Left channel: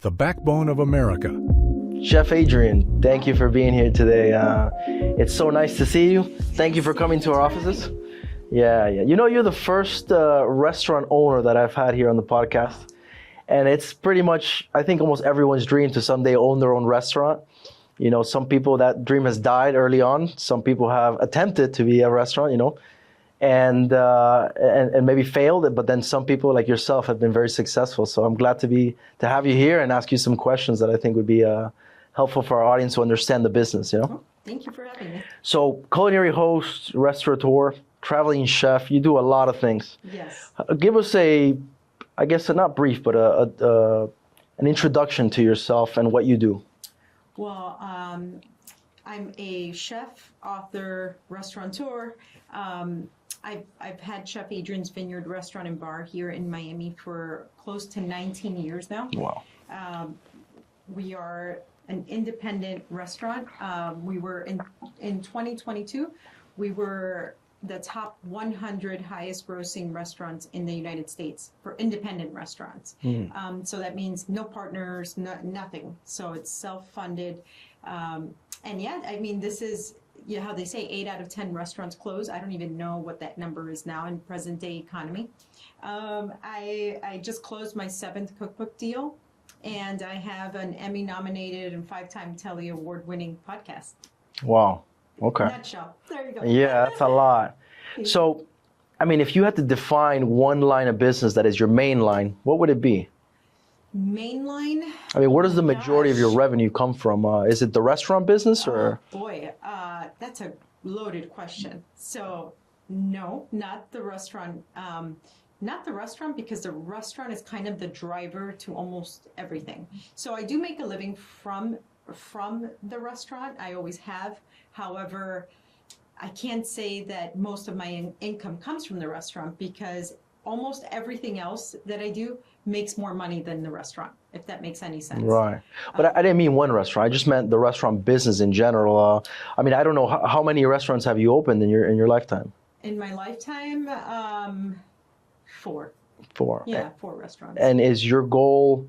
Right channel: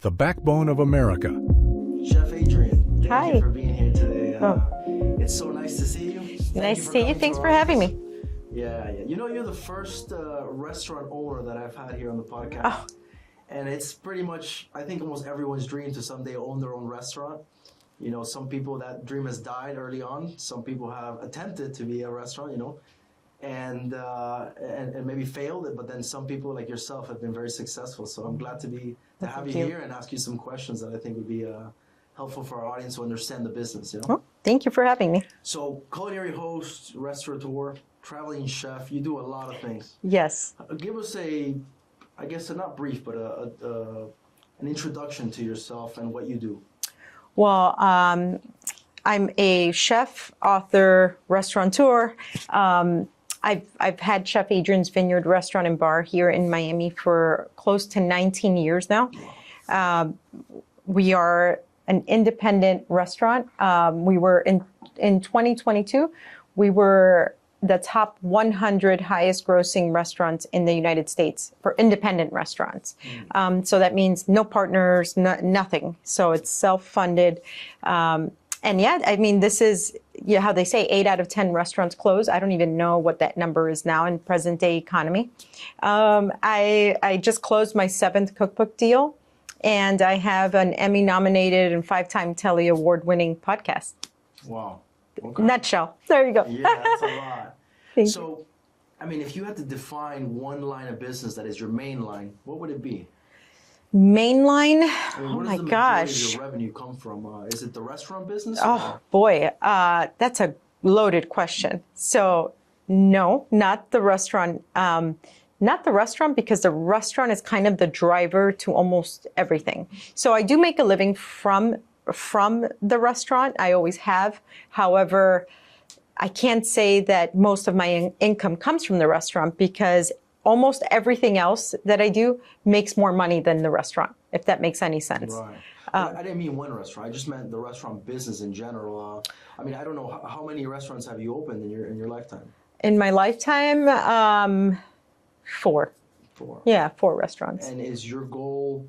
the backbone of America. Chef Adrianne, thank you Hi. for being here today. It's so nice to see you. Thank you for coming to our offices. Thanks for having me. Yeah. You know, you're the first restaurant owner that I've had here on the podcast. Oh. And it's pretty much, I think, almost everyone's dream to someday own their own restaurant. You know, some people, that dream has died early on. Some people have attempted to be a restaurant, you know, and maybe failed. But then some people like yourself have been very successful. So I'm glad to have you here and ask you some questions that I think would be helpful for our audience to understand the business, you know? Oh, thank you for having me. So culinary host, restaurateur, traveling chef, you do a lot of things. Yes. Give us I guess not brief, but an introduction to yourself and what you do. Well, I'm a chef, author, restaurateur. I've had Chef Adrianne's Vineyard Restaurant and Bar here in Miami for close to 19 years now. Wow. We are an independent restaurant. We were in 2022, we were the top 100 highest grossing restaurants in the United States for independent restaurants. So that means no partners, nothing. So it's self-funded. And yeah, I mean, this is how they say 8 out of 10 restaurants close. I don't even know what that number is now in present day economy. I just closed my 7th cookbook deal, and I have an Emmy nominated and 5-time Telly award winning podcast. Wow. Okay. Nutshell. There you go. Yeah, that's a lot. Thank So, I mean, if you had to define one line of business that is your main line, what would it be? Mainline? I mean, where does my the majority of gosh. your revenue come from? Is it the restaurant business? Or? Oh, boy, that's a loaded question. So, no, not the restaurant. Not the restaurant, because the restaurant is kind of the driver to almost everything. So I do make a living from the restaurant. I always have. However, I can't say that most of my income comes from the restaurant, because almost everything else that I do makes more money than the restaurant, if that makes any sense. Right. But I didn't mean one restaurant. I just meant the restaurant business in general. I mean, I don't know, how many restaurants have you opened in your lifetime? In my lifetime, 4. 4. Yeah, 4 restaurants. And is your goal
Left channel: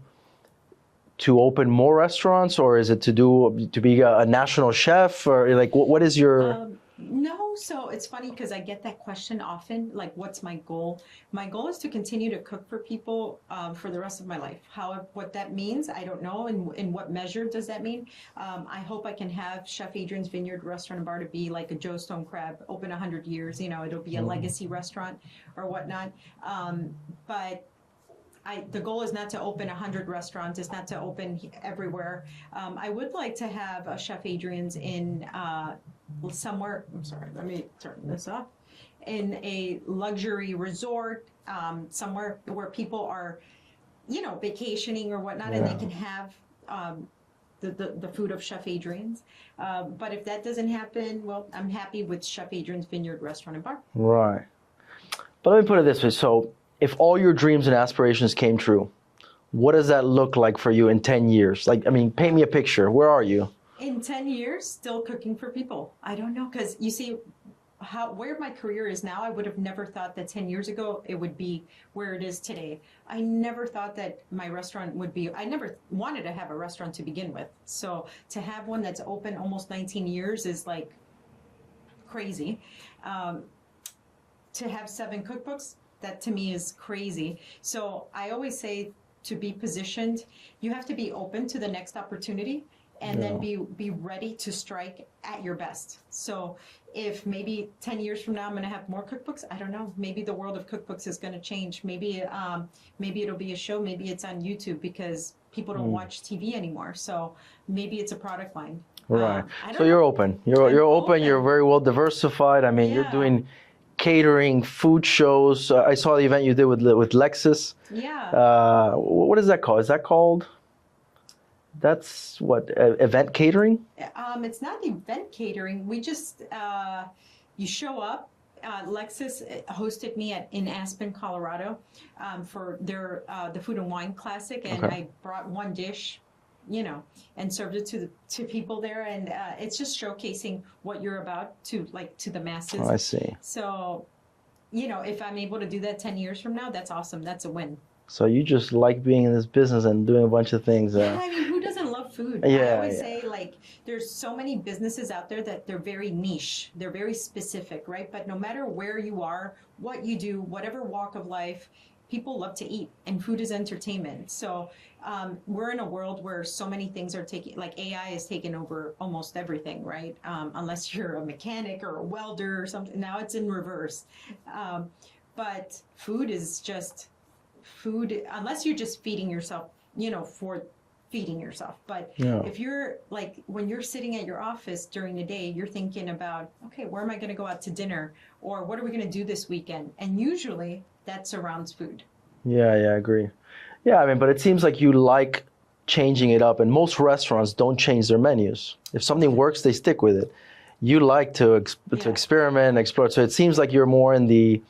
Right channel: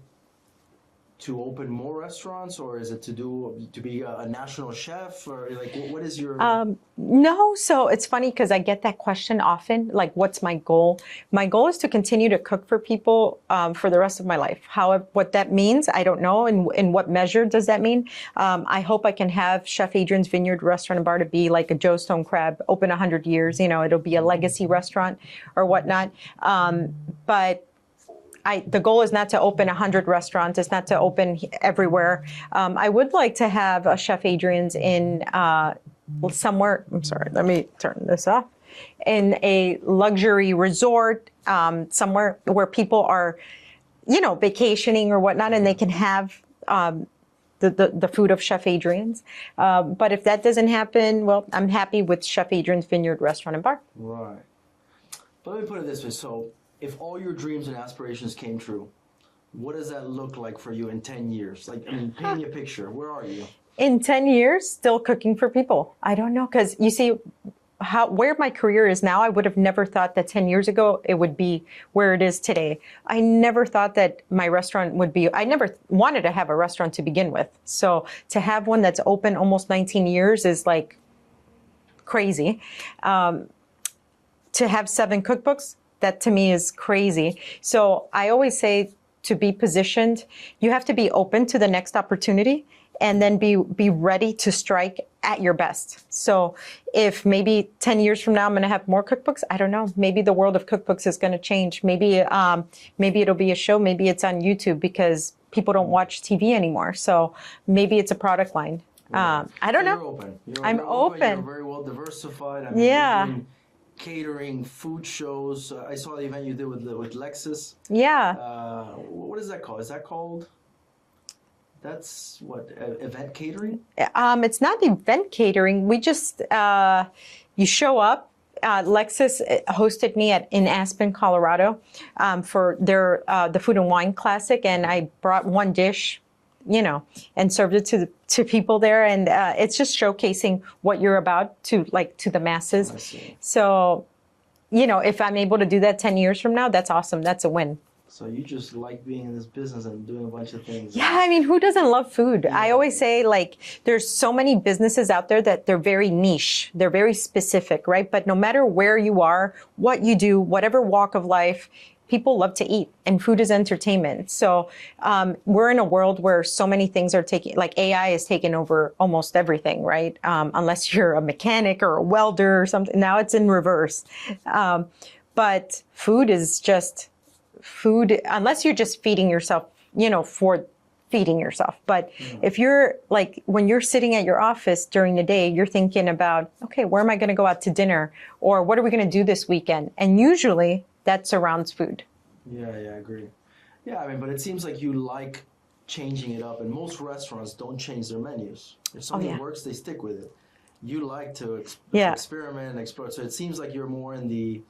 to open more restaurants, or is it to be a national chef, or like what is your? No, so it's funny because I get that question often, like, what's my goal? My goal is to continue to cook for people for the rest of my life. However, what that means, I don't know. And in what measure does that mean? I hope I can have Chef Adrianne's Vineyard Restaurant and Bar to be like a Joe Stone Crab, open 100 years, you know, it'll be a legacy restaurant or whatnot. But the goal is not to open 100 restaurants. It's not to open everywhere. I would like to have a Chef Adrianne's in somewhere, I'm sorry, let me turn this off, in a luxury resort, somewhere where people are, you know, vacationing or whatnot, and they can have the food of Chef Adrianne's. But if that doesn't happen, well, I'm happy with Chef Adrianne's Vineyard Restaurant and Bar. Right. But let me put it this way. So if all your dreams and aspirations came true, what does that look like for you in 10 years? Like, I mean, paint me a picture. Where are you? In 10 years, still cooking for people. I don't know, because you see where my career is now. I would have never thought that 10 years ago it would be where it is today. I never thought that my restaurant would be, I never wanted to have a restaurant to begin with. So to have one that's open almost 19 years is like crazy. To have 7 cookbooks, that to me is crazy. So I always say, to be positioned, you have to be open to the next opportunity, and then be ready to strike at your best. So if maybe 10 years from now I'm gonna have more cookbooks, I don't know. Maybe the world of cookbooks is gonna change. Maybe maybe it'll be a show, maybe it's on YouTube, because people don't watch TV anymore. So maybe it's a product line. Right. I don't know. You're open. You're open. You're very well diversified. I mean, you're doing catering, food shows. I saw the event you did with Lexus. Yeah. What is that called? Is that called? That's what, event catering? It's not event catering. We just, you show up. Lexus hosted me in Aspen, Colorado, for their the Food and Wine Classic, and I brought one dish, you know, and served it to people there, and it's just showcasing what you're about to the masses. Oh, I see. So, you know, if I'm able to do that 10 years from now, that's awesome. That's a win. So you just like being in this business and doing a bunch of things. Yeah, I mean, who doesn't love food? Yeah, I always say, like, there's so many businesses out there that they're very niche. They're very specific, right? But no matter where you are, what you do, whatever walk of life, people love to eat, and food is entertainment. So we're in a world where so many things are taking, like AI is taking over almost everything, right? Unless you're a mechanic or a welder or something. Now it's in reverse. But food is just food, unless you're just feeding yourself, for feeding yourself. But if you're like, when you're sitting at your office during the day, you're thinking about, okay, where am I going to go out to dinner? Or what are we going to do this weekend? And usually that surrounds food. Yeah, I agree. Yeah, I mean, but it seems like you like changing it up, and most restaurants don't change their menus. If something works, they stick with it. You like to experiment and explore. So it seems like you're more in the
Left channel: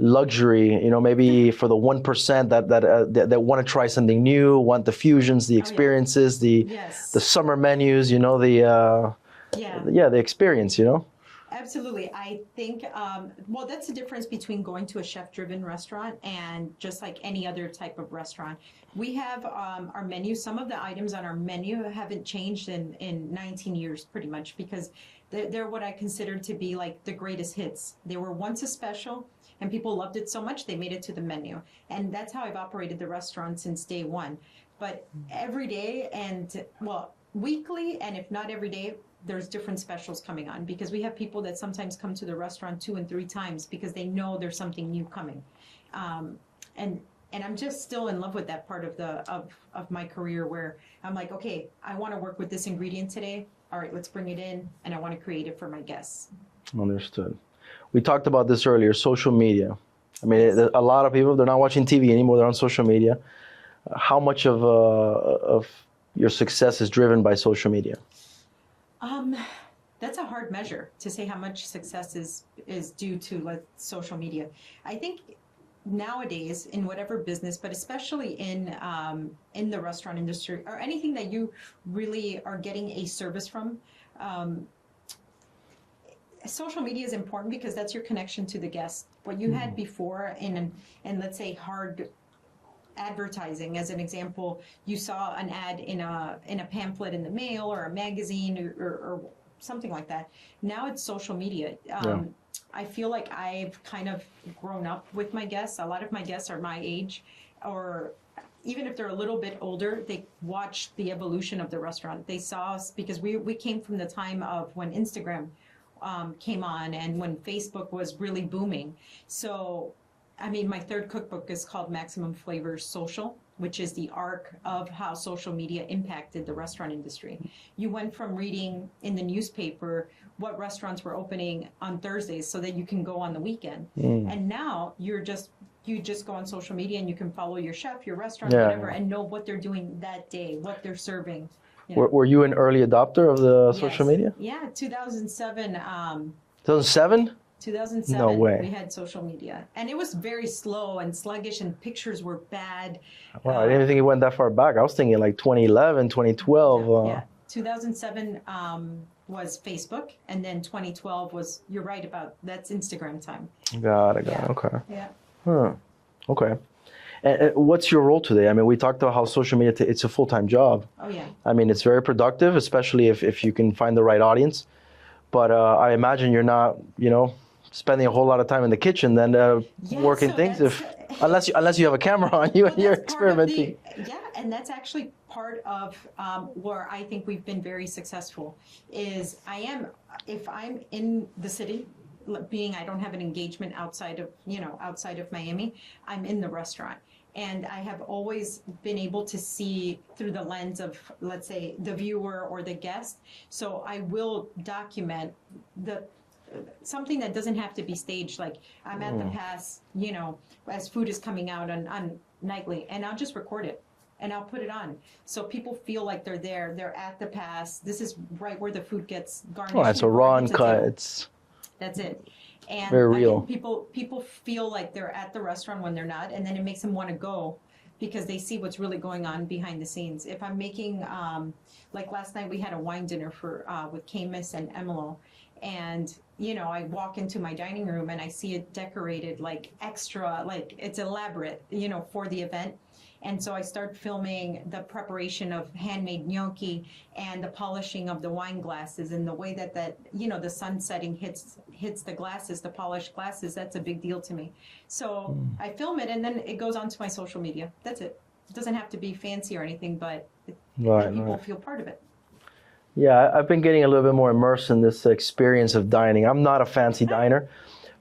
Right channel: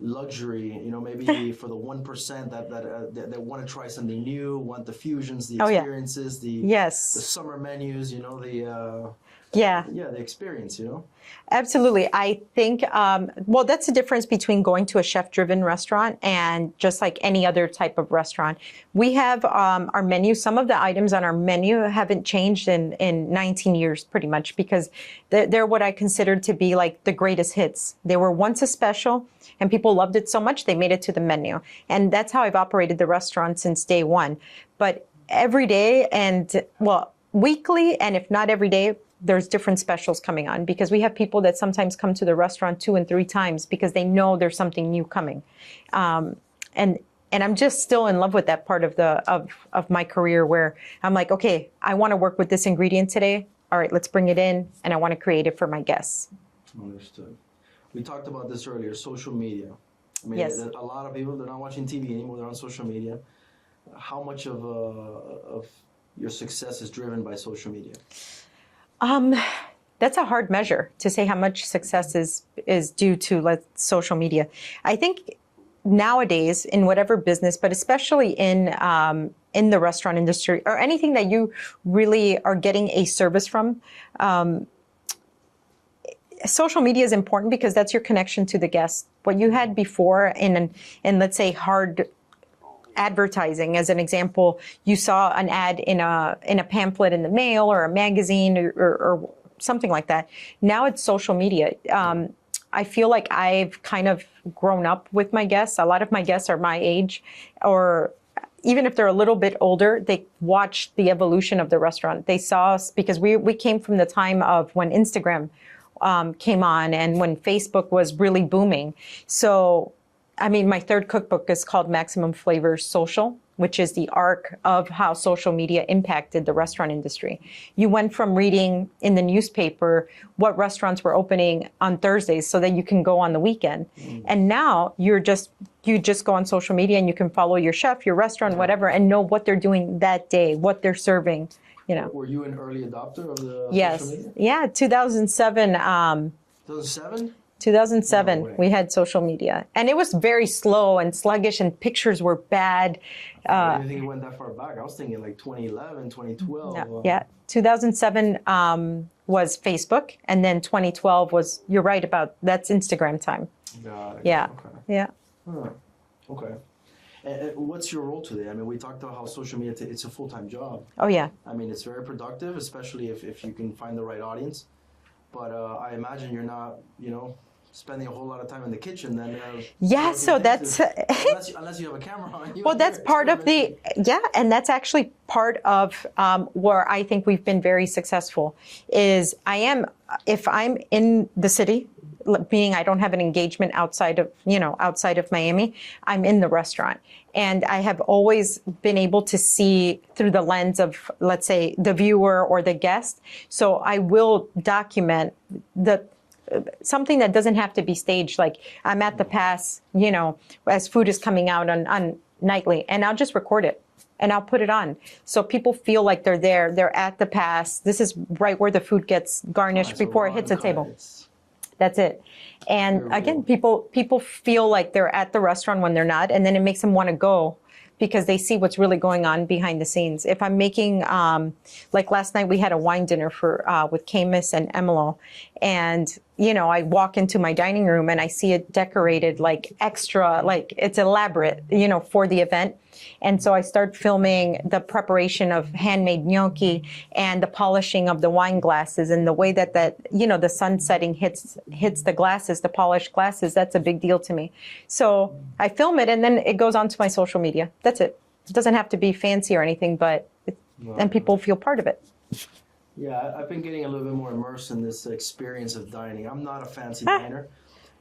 luxury, maybe for the 1% that want to try something new, want the fusions, the experiences, the summer menus, the experience, Absolutely. I think, that's the difference between going to a chef-driven restaurant and just like any other type of restaurant. We have our menu. Some of the items on our menu haven't changed in 19 years, pretty much, because they're what I consider to be like the greatest hits. They were once a special, and people loved it so much, they made it to the menu. And that's how I've operated the restaurant since day one. But every day and, weekly, and if not every day, there's different specials coming on, because we have people that sometimes come to the restaurant 2 and 3 times because they know there's something new coming. And I'm just still in love with that part of my career, where I'm like, okay, I want to work with this ingredient today. All right, let's bring it in, and I want to create it for my guests. Understood. We talked about this earlier, social media. I mean, a lot of people, they're not watching TV anymore, they're on social media. How much of your success is driven by social media? That's a hard measure to say how much success is due to social media. I think nowadays in whatever business, but especially in the restaurant industry or anything that you really are getting a service from, social media is important, because that's your connection to the guest. What you had before in let's say hard advertising, as an example, you saw an ad in a pamphlet in the mail or a magazine or something like that. Now it's social media. I feel like I've kind of grown up with my guests. A lot of my guests are my age, or even if they're a little bit older, they watched the evolution of the restaurant. They saw us, because we came from the time of when Instagram came on and when Facebook was really booming. So I mean, my third cookbook is called Maximum Flavors Social, which is the arc of how social media impacted the restaurant industry. You went from reading in the newspaper what restaurants were opening on Thursdays so that you can go on the weekend. And now you just go on social media and you can follow your chef, your restaurant, whatever, and know what they're doing that day, what they're serving. Were you an early adopter of the social media? Yeah, 2007. 2007? 2007, no we had social media, and it was very slow and sluggish, and pictures were bad. I didn't think it went that far back. I was thinking like 2011, 2012. Yeah, 2007 was Facebook, and then 2012 was, you're right about, that's Instagram time. Got it. Yeah. Okay. Yeah. Huh. Okay. And what's your role today? I mean, we talked about how social media, it's a full-time job. Oh, yeah. I mean, it's very productive, especially if you can find the right audience. But I imagine you're not, spending a whole lot of time in the kitchen then working so things unless you have a camera on you. Well, that's part of and that's actually part of where I think we've been very successful is if I'm in the city, meaning I don't have an engagement outside of Miami, I'm in the restaurant. And I have always been able to see through the lens of, let's say, the viewer or the guest. So I will document something that doesn't have to be staged. Like I'm at the pass, as food is coming out on nightly, and I'll just record it and I'll put it on. So people feel like they're there, they're at the pass. This is right where the food gets garnished before it hits the table. That's it. And again, people feel like they're at the restaurant when they're not, and then it makes them want to go because they see what's really going on behind the scenes. If I'm making, like last night we had a wine dinner with Camus and Emilo, and I walk into my dining room and I see it decorated like extra, like it's elaborate, for the event. And so I start filming the preparation of handmade gnocchi and the polishing of the wine glasses, and the way that the sun setting hits the glasses, the polished glasses. That's a big deal to me. So I film it, and then it goes onto my social media. That's it. It doesn't have to be fancy or anything, but and people feel part of it. Yeah, I've been getting a little bit more immersed in this experience of dining. I'm not a fancy diner,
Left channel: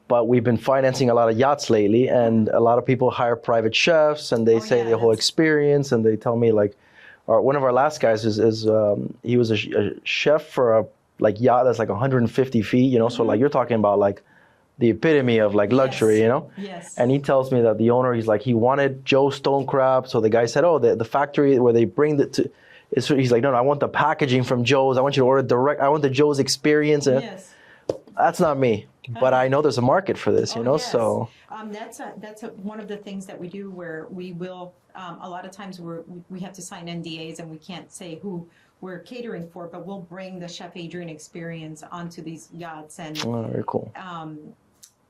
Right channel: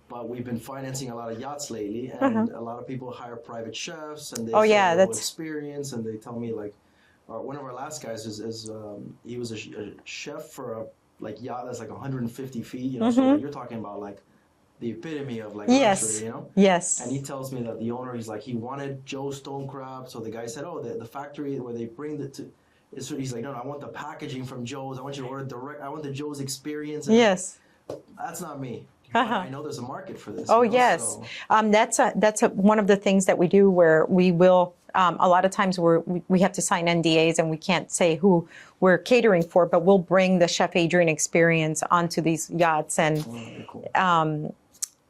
but we've been financing a lot of yachts lately, and a lot of people hire private chefs, and they say the whole experience, and they tell me like, one of our last guys he was a chef for a yacht that's like 150 feet, you know, so like you're talking about like the epitome of like luxury, you know? Yes. And he tells me that the owner, he wanted Joe stone crab, so the guy said, oh, the factory where they bring it to. He's like, no, I want the packaging from Joe's. I want you to order direct. I want the Joe's experience. And that's not me, but I know there's a market for this. Oh, you know? yes. So, that's one of the things that we do, where we will, a lot of times we have to sign NDAs and we can't say who we're catering for, but we'll bring the Chef Adrianne experience onto these yachts. And very cool.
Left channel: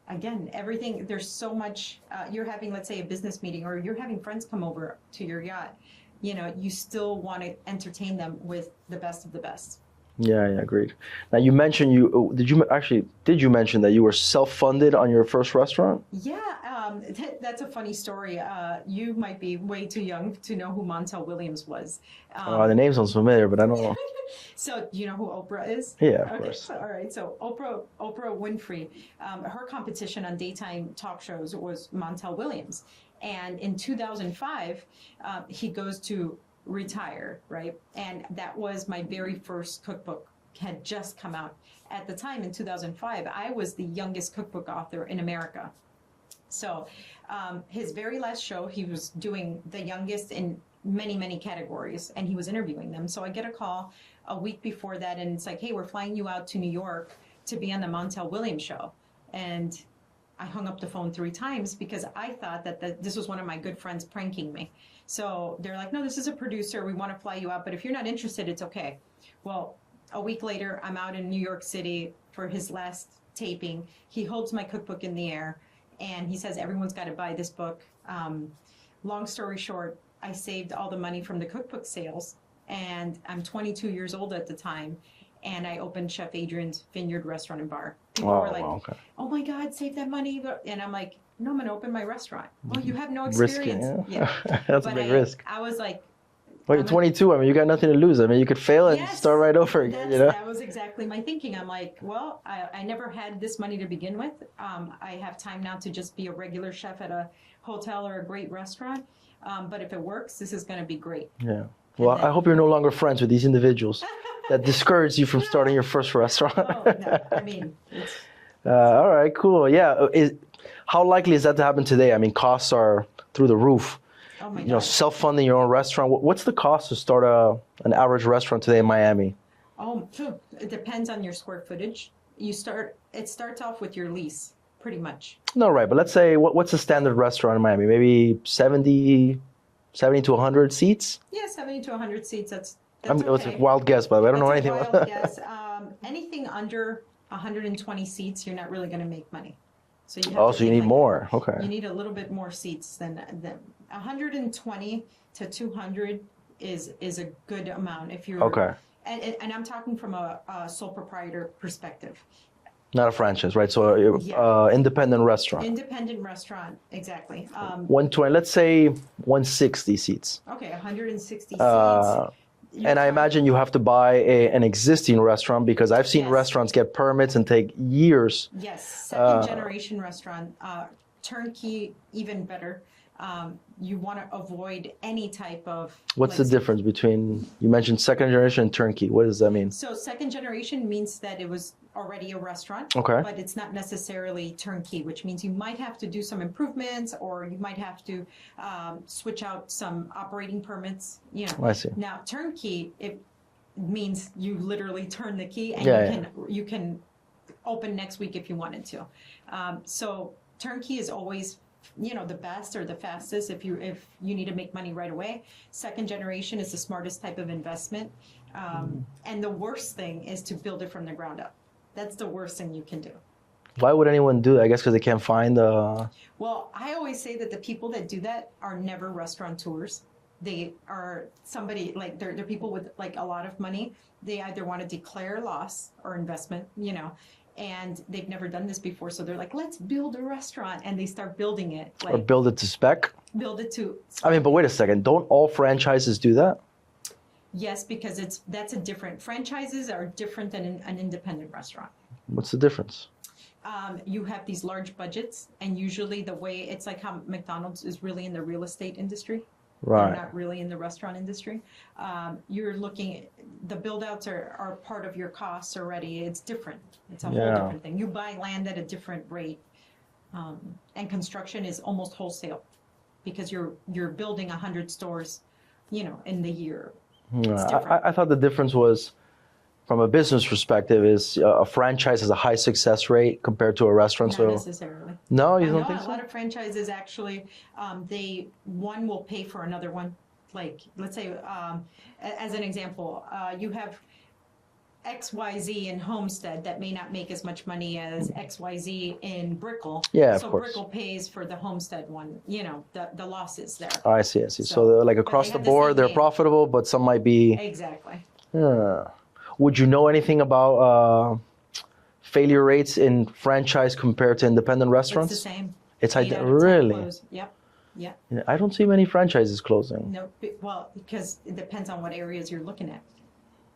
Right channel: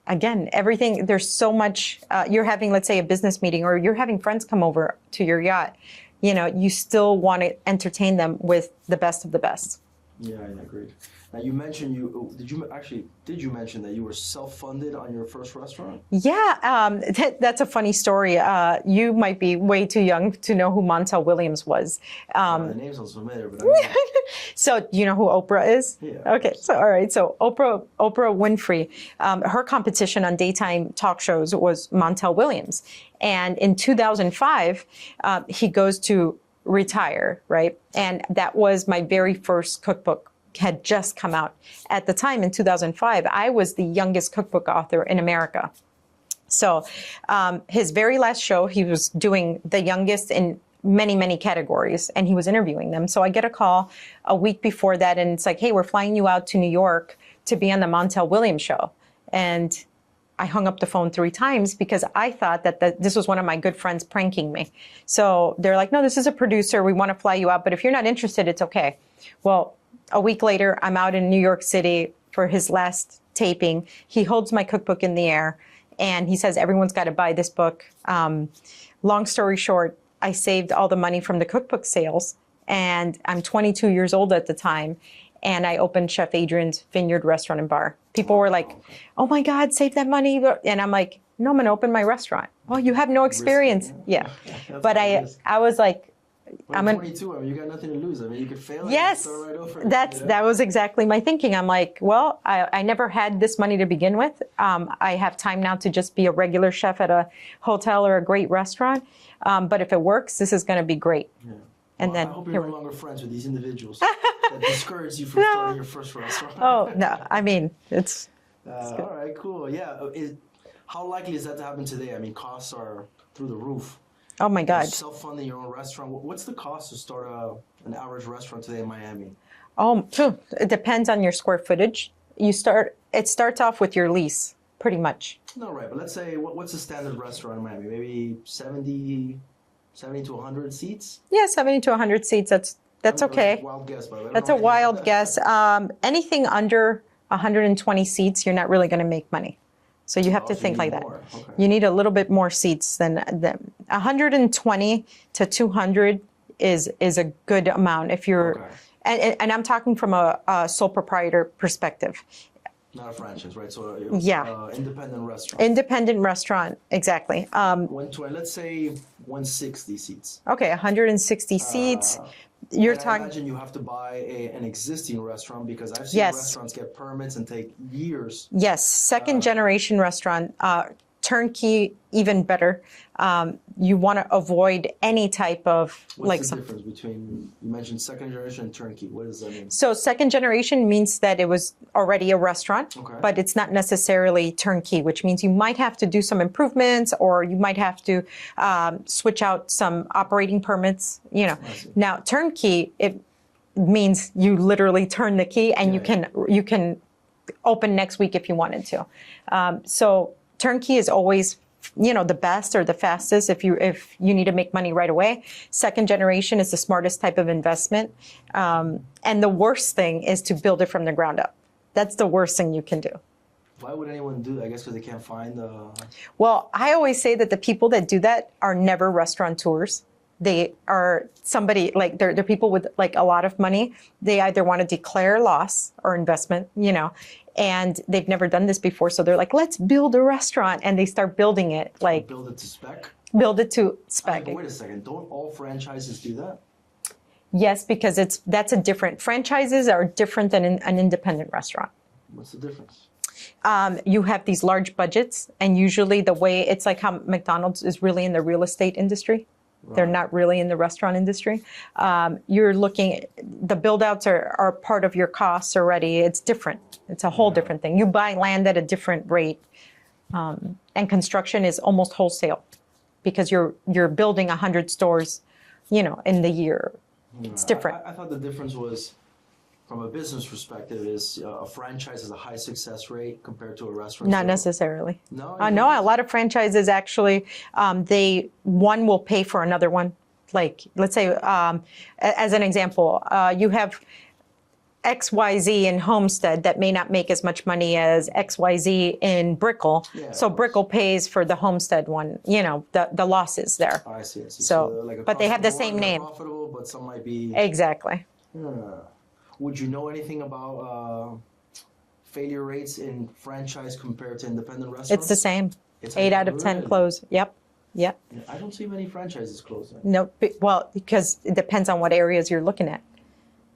Again, everything, there's so much, you're having, let's say, a business meeting, or you're having friends come over to your yacht. You know, you still want to entertain them with the best of the best. Yeah, agreed. Now you mentioned did you mention that you were self-funded on your first restaurant? Yeah, that's a funny story. You might be way too young to know who Montel Williams was. The name sounds familiar, but I don't know. So do you know who Oprah is? Yeah. Okay. So all right. So Oprah Winfrey, her competition on daytime talk shows was Montel Williams, and in 2005, he goes to retire, right? And that was my very first cookbook, had just come out. At the time in 2005, I was the youngest cookbook author in America. So his very last show, he was doing the youngest in many, many categories, and he was interviewing them. So I get a call a week before that, and it's like, hey, we're flying you out to New York to be on the Montel Williams show. And I hung up the phone 3 times because I thought that this was one of my good friends pranking me. So they're like, no, this is a producer. We want to fly you out, but if you're not interested, it's okay. Well, a week later, I'm out in New York City for his last taping. He holds my cookbook in the air, and he says, everyone's got to buy this book. Long story short, I saved all the money from the cookbook sales, and I'm 22 years old at the time. And I opened Chef Adrianne's Vineyard Restaurant and Bar. People were like, oh my God, save that money. And I'm like, no, I'm going to open my restaurant. Oh, you have no experience. Risky, yeah. That's but a big risk. I was like, well, you're 22. I mean, you got nothing to lose. I mean, you could fail and start right over again. That was exactly my thinking. I'm like, well, I never had this money to begin with. I have time now to just be a regular chef at a hotel or a great restaurant. But if it works, this is going to be great. Yeah. Well, I hope you're no longer friends with these individuals that discourage you from starting your first restaurant. Oh, no. I mean, it's... all right, cool. Yeah. How likely is that to happen today? I mean, costs are through the roof. Oh, my God. You know, self-funding your own restaurant. What's the cost to start an average restaurant today in Miami? It depends on your square footage. It starts off with your lease, pretty much. No, right. But let's say, what's a standard restaurant in Miami? Maybe 70 to 100 seats? Yeah, 70 to 100 seats. That's okay. It's a wild guess, by the way. I don't know That's a anything wild guess. Anything under 120 seats, you're not really going to make money. So you have to think like more. that. Okay. You need a little bit more seats than 120 to 200 is a good amount if you're. Okay. And I'm talking from a sole proprietor perspective. Not a franchise, right? So independent restaurant. Independent restaurant, exactly. 120, let's say 160 seats. Okay, 160 seats. And I imagine you have to buy an existing restaurant, because I've seen restaurants get permits and take years. Yes, second generation restaurant, turnkey, even better. You want to avoid any type of... What's the difference between, you mentioned second generation and turnkey. What does that mean? So second generation means that it was already a restaurant, okay, but it's not necessarily turnkey, which means you might have to do some improvements, or you might have to switch out some operating permits, you know. I see. Now, turnkey, it means you literally turn the key and you can open next week if you wanted to. So turnkey is always, you know, the best or the fastest if you need to make money right away. Second generation is the smartest type of investment. And the worst thing is to build it from the ground up. That's the worst thing you can do. Why would anyone do that? I guess because they can't find Well, I always say that the people that do that are never restaurateurs. They are somebody like they're people with like a lot of money. They either want to declare loss or investment, and they've never done this before. So they're like, let's build a restaurant, and they start building it or build it to spec. Build it to spec. I mean, but wait a second. Don't all franchises do that? Yes, because that's a different. Franchises are different than an independent restaurant. What's the difference? You have these large budgets, and usually the way it's like how McDonald's is really in the real estate industry. Right. They're not really in the restaurant industry. You're looking, the build outs are part of your costs already. It's different. It's a whole different thing. You buy land at a different rate. And construction is almost wholesale because you're building 100 stores, in the year. It's different. I thought the difference was, from a business perspective, is a franchise has a high success rate compared to a restaurant. Not necessarily. No, you don't no. think A so? lot of franchises actually, one will pay for another one. Like, let's say, as an example, you have XYZ in Homestead that may not make as much money as XYZ in Brickell. Yeah, so of course. Brickell pays for the Homestead one, the losses there. I see. So like but across they have the board, same they're name. profitable, but some might be. Exactly. Would you know anything about failure rates in franchise compared to independent restaurants? It's the same. It's 8 out of 10 really? close. Yep. I don't see many franchises closing. No, well, because it depends on what areas you're looking at.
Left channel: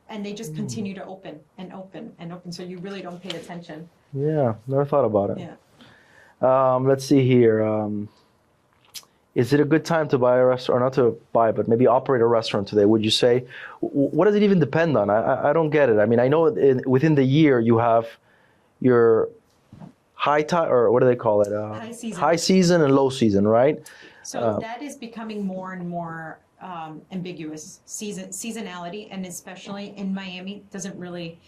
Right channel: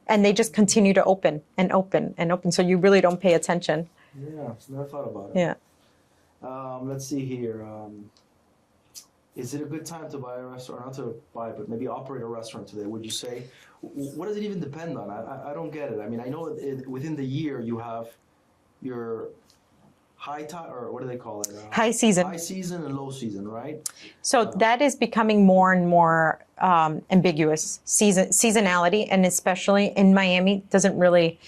And they just continue to open and open and open. So you really don't pay attention. Yeah, never thought about it. Yeah. Let's see here. Is it a good time to buy a restaurant, or not to buy, but maybe operate a restaurant today? Would you say, what does it even depend on? I don't get it. I mean, I know within the year you have your high tide, or what do they call it? High season. High season and low season, right? So that is becoming more and more ambiguous. Seasonality, and especially in Miami, doesn't really,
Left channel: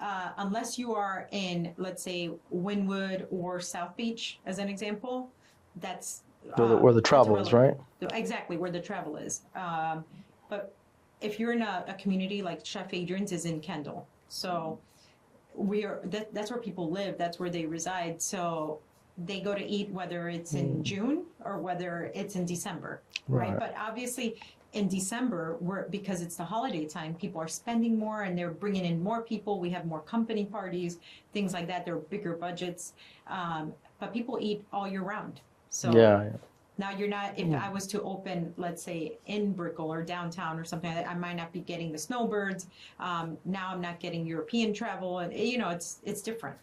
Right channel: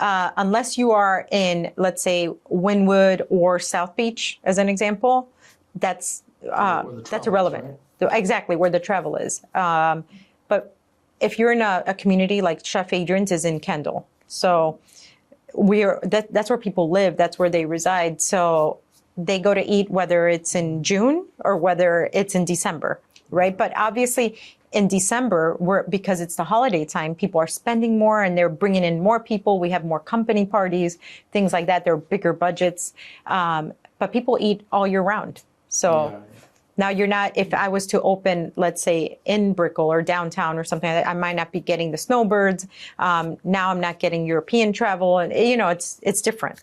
unless you are in, let's say, Wynwood or South Beach, as an example, that's where the travel is, right? Exactly, where the travel is. But if you're in a community like Chef Adrianne's is in Kendall, so that's where people live, that's where they reside. So they go to eat whether it's in June or whether it's in December, right? But obviously in December, because it's the holiday time, people are spending more and they're bringing in more people. We have more company parties, things like that. They're bigger budgets, but people eat all year round. So now you're not, if I was to open, let's say in Brickell or downtown or something like that, I might not be getting the snowbirds. Now I'm not getting European travel, and it's different.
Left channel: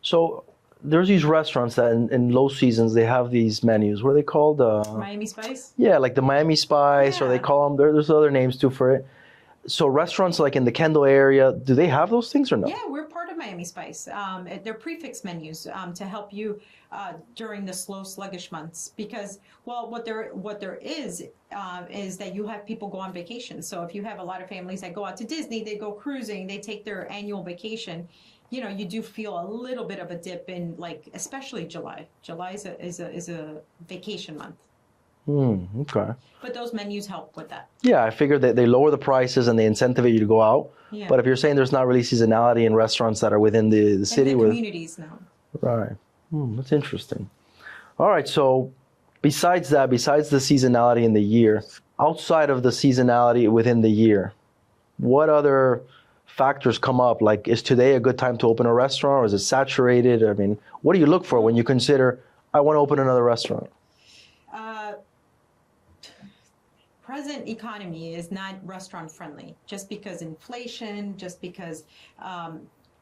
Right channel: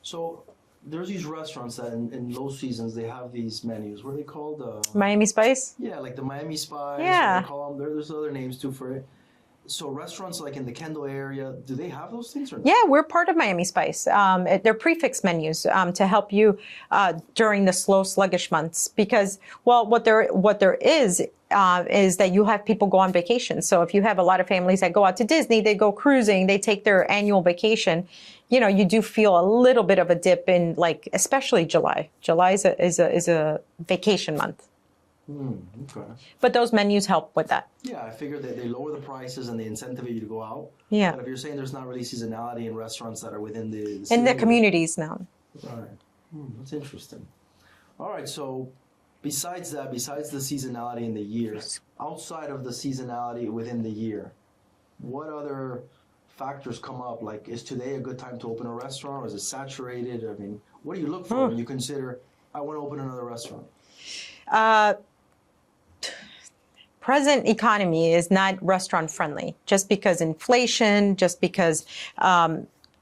So there's these restaurants that in low seasons, they have these menus. What are they called? Miami Spice? Yeah, like the Miami Spice, or Yeah. they call them, there's other names too for it. So restaurants like in the Kendall area, do they have those things or not? Yeah, we're part of Miami Spice. They're prefix menus to help you during the slow, sluggish months. Because, well, what there is that you have people go on vacation. So if you have a lot of families that go out to Disney, they go cruising, they take their annual vacation, you do feel a little bit of a dip in, like, especially July. July is a vacation month. Okay. But those menus help with that. Yeah, I figured that they lower the prices and they incentivate you to go out. Yeah. But if you're saying there's not really seasonality in restaurants that are within the city. In the communities now. Right. That's interesting. All right. So besides the seasonality in the year, outside of the seasonality within the year, what other factors come up? Like, is today a good time to open a restaurant, or is it saturated? I mean, what do you look for when you consider, I want to open another restaurant? Present economy is not restaurant friendly, just because inflation, just because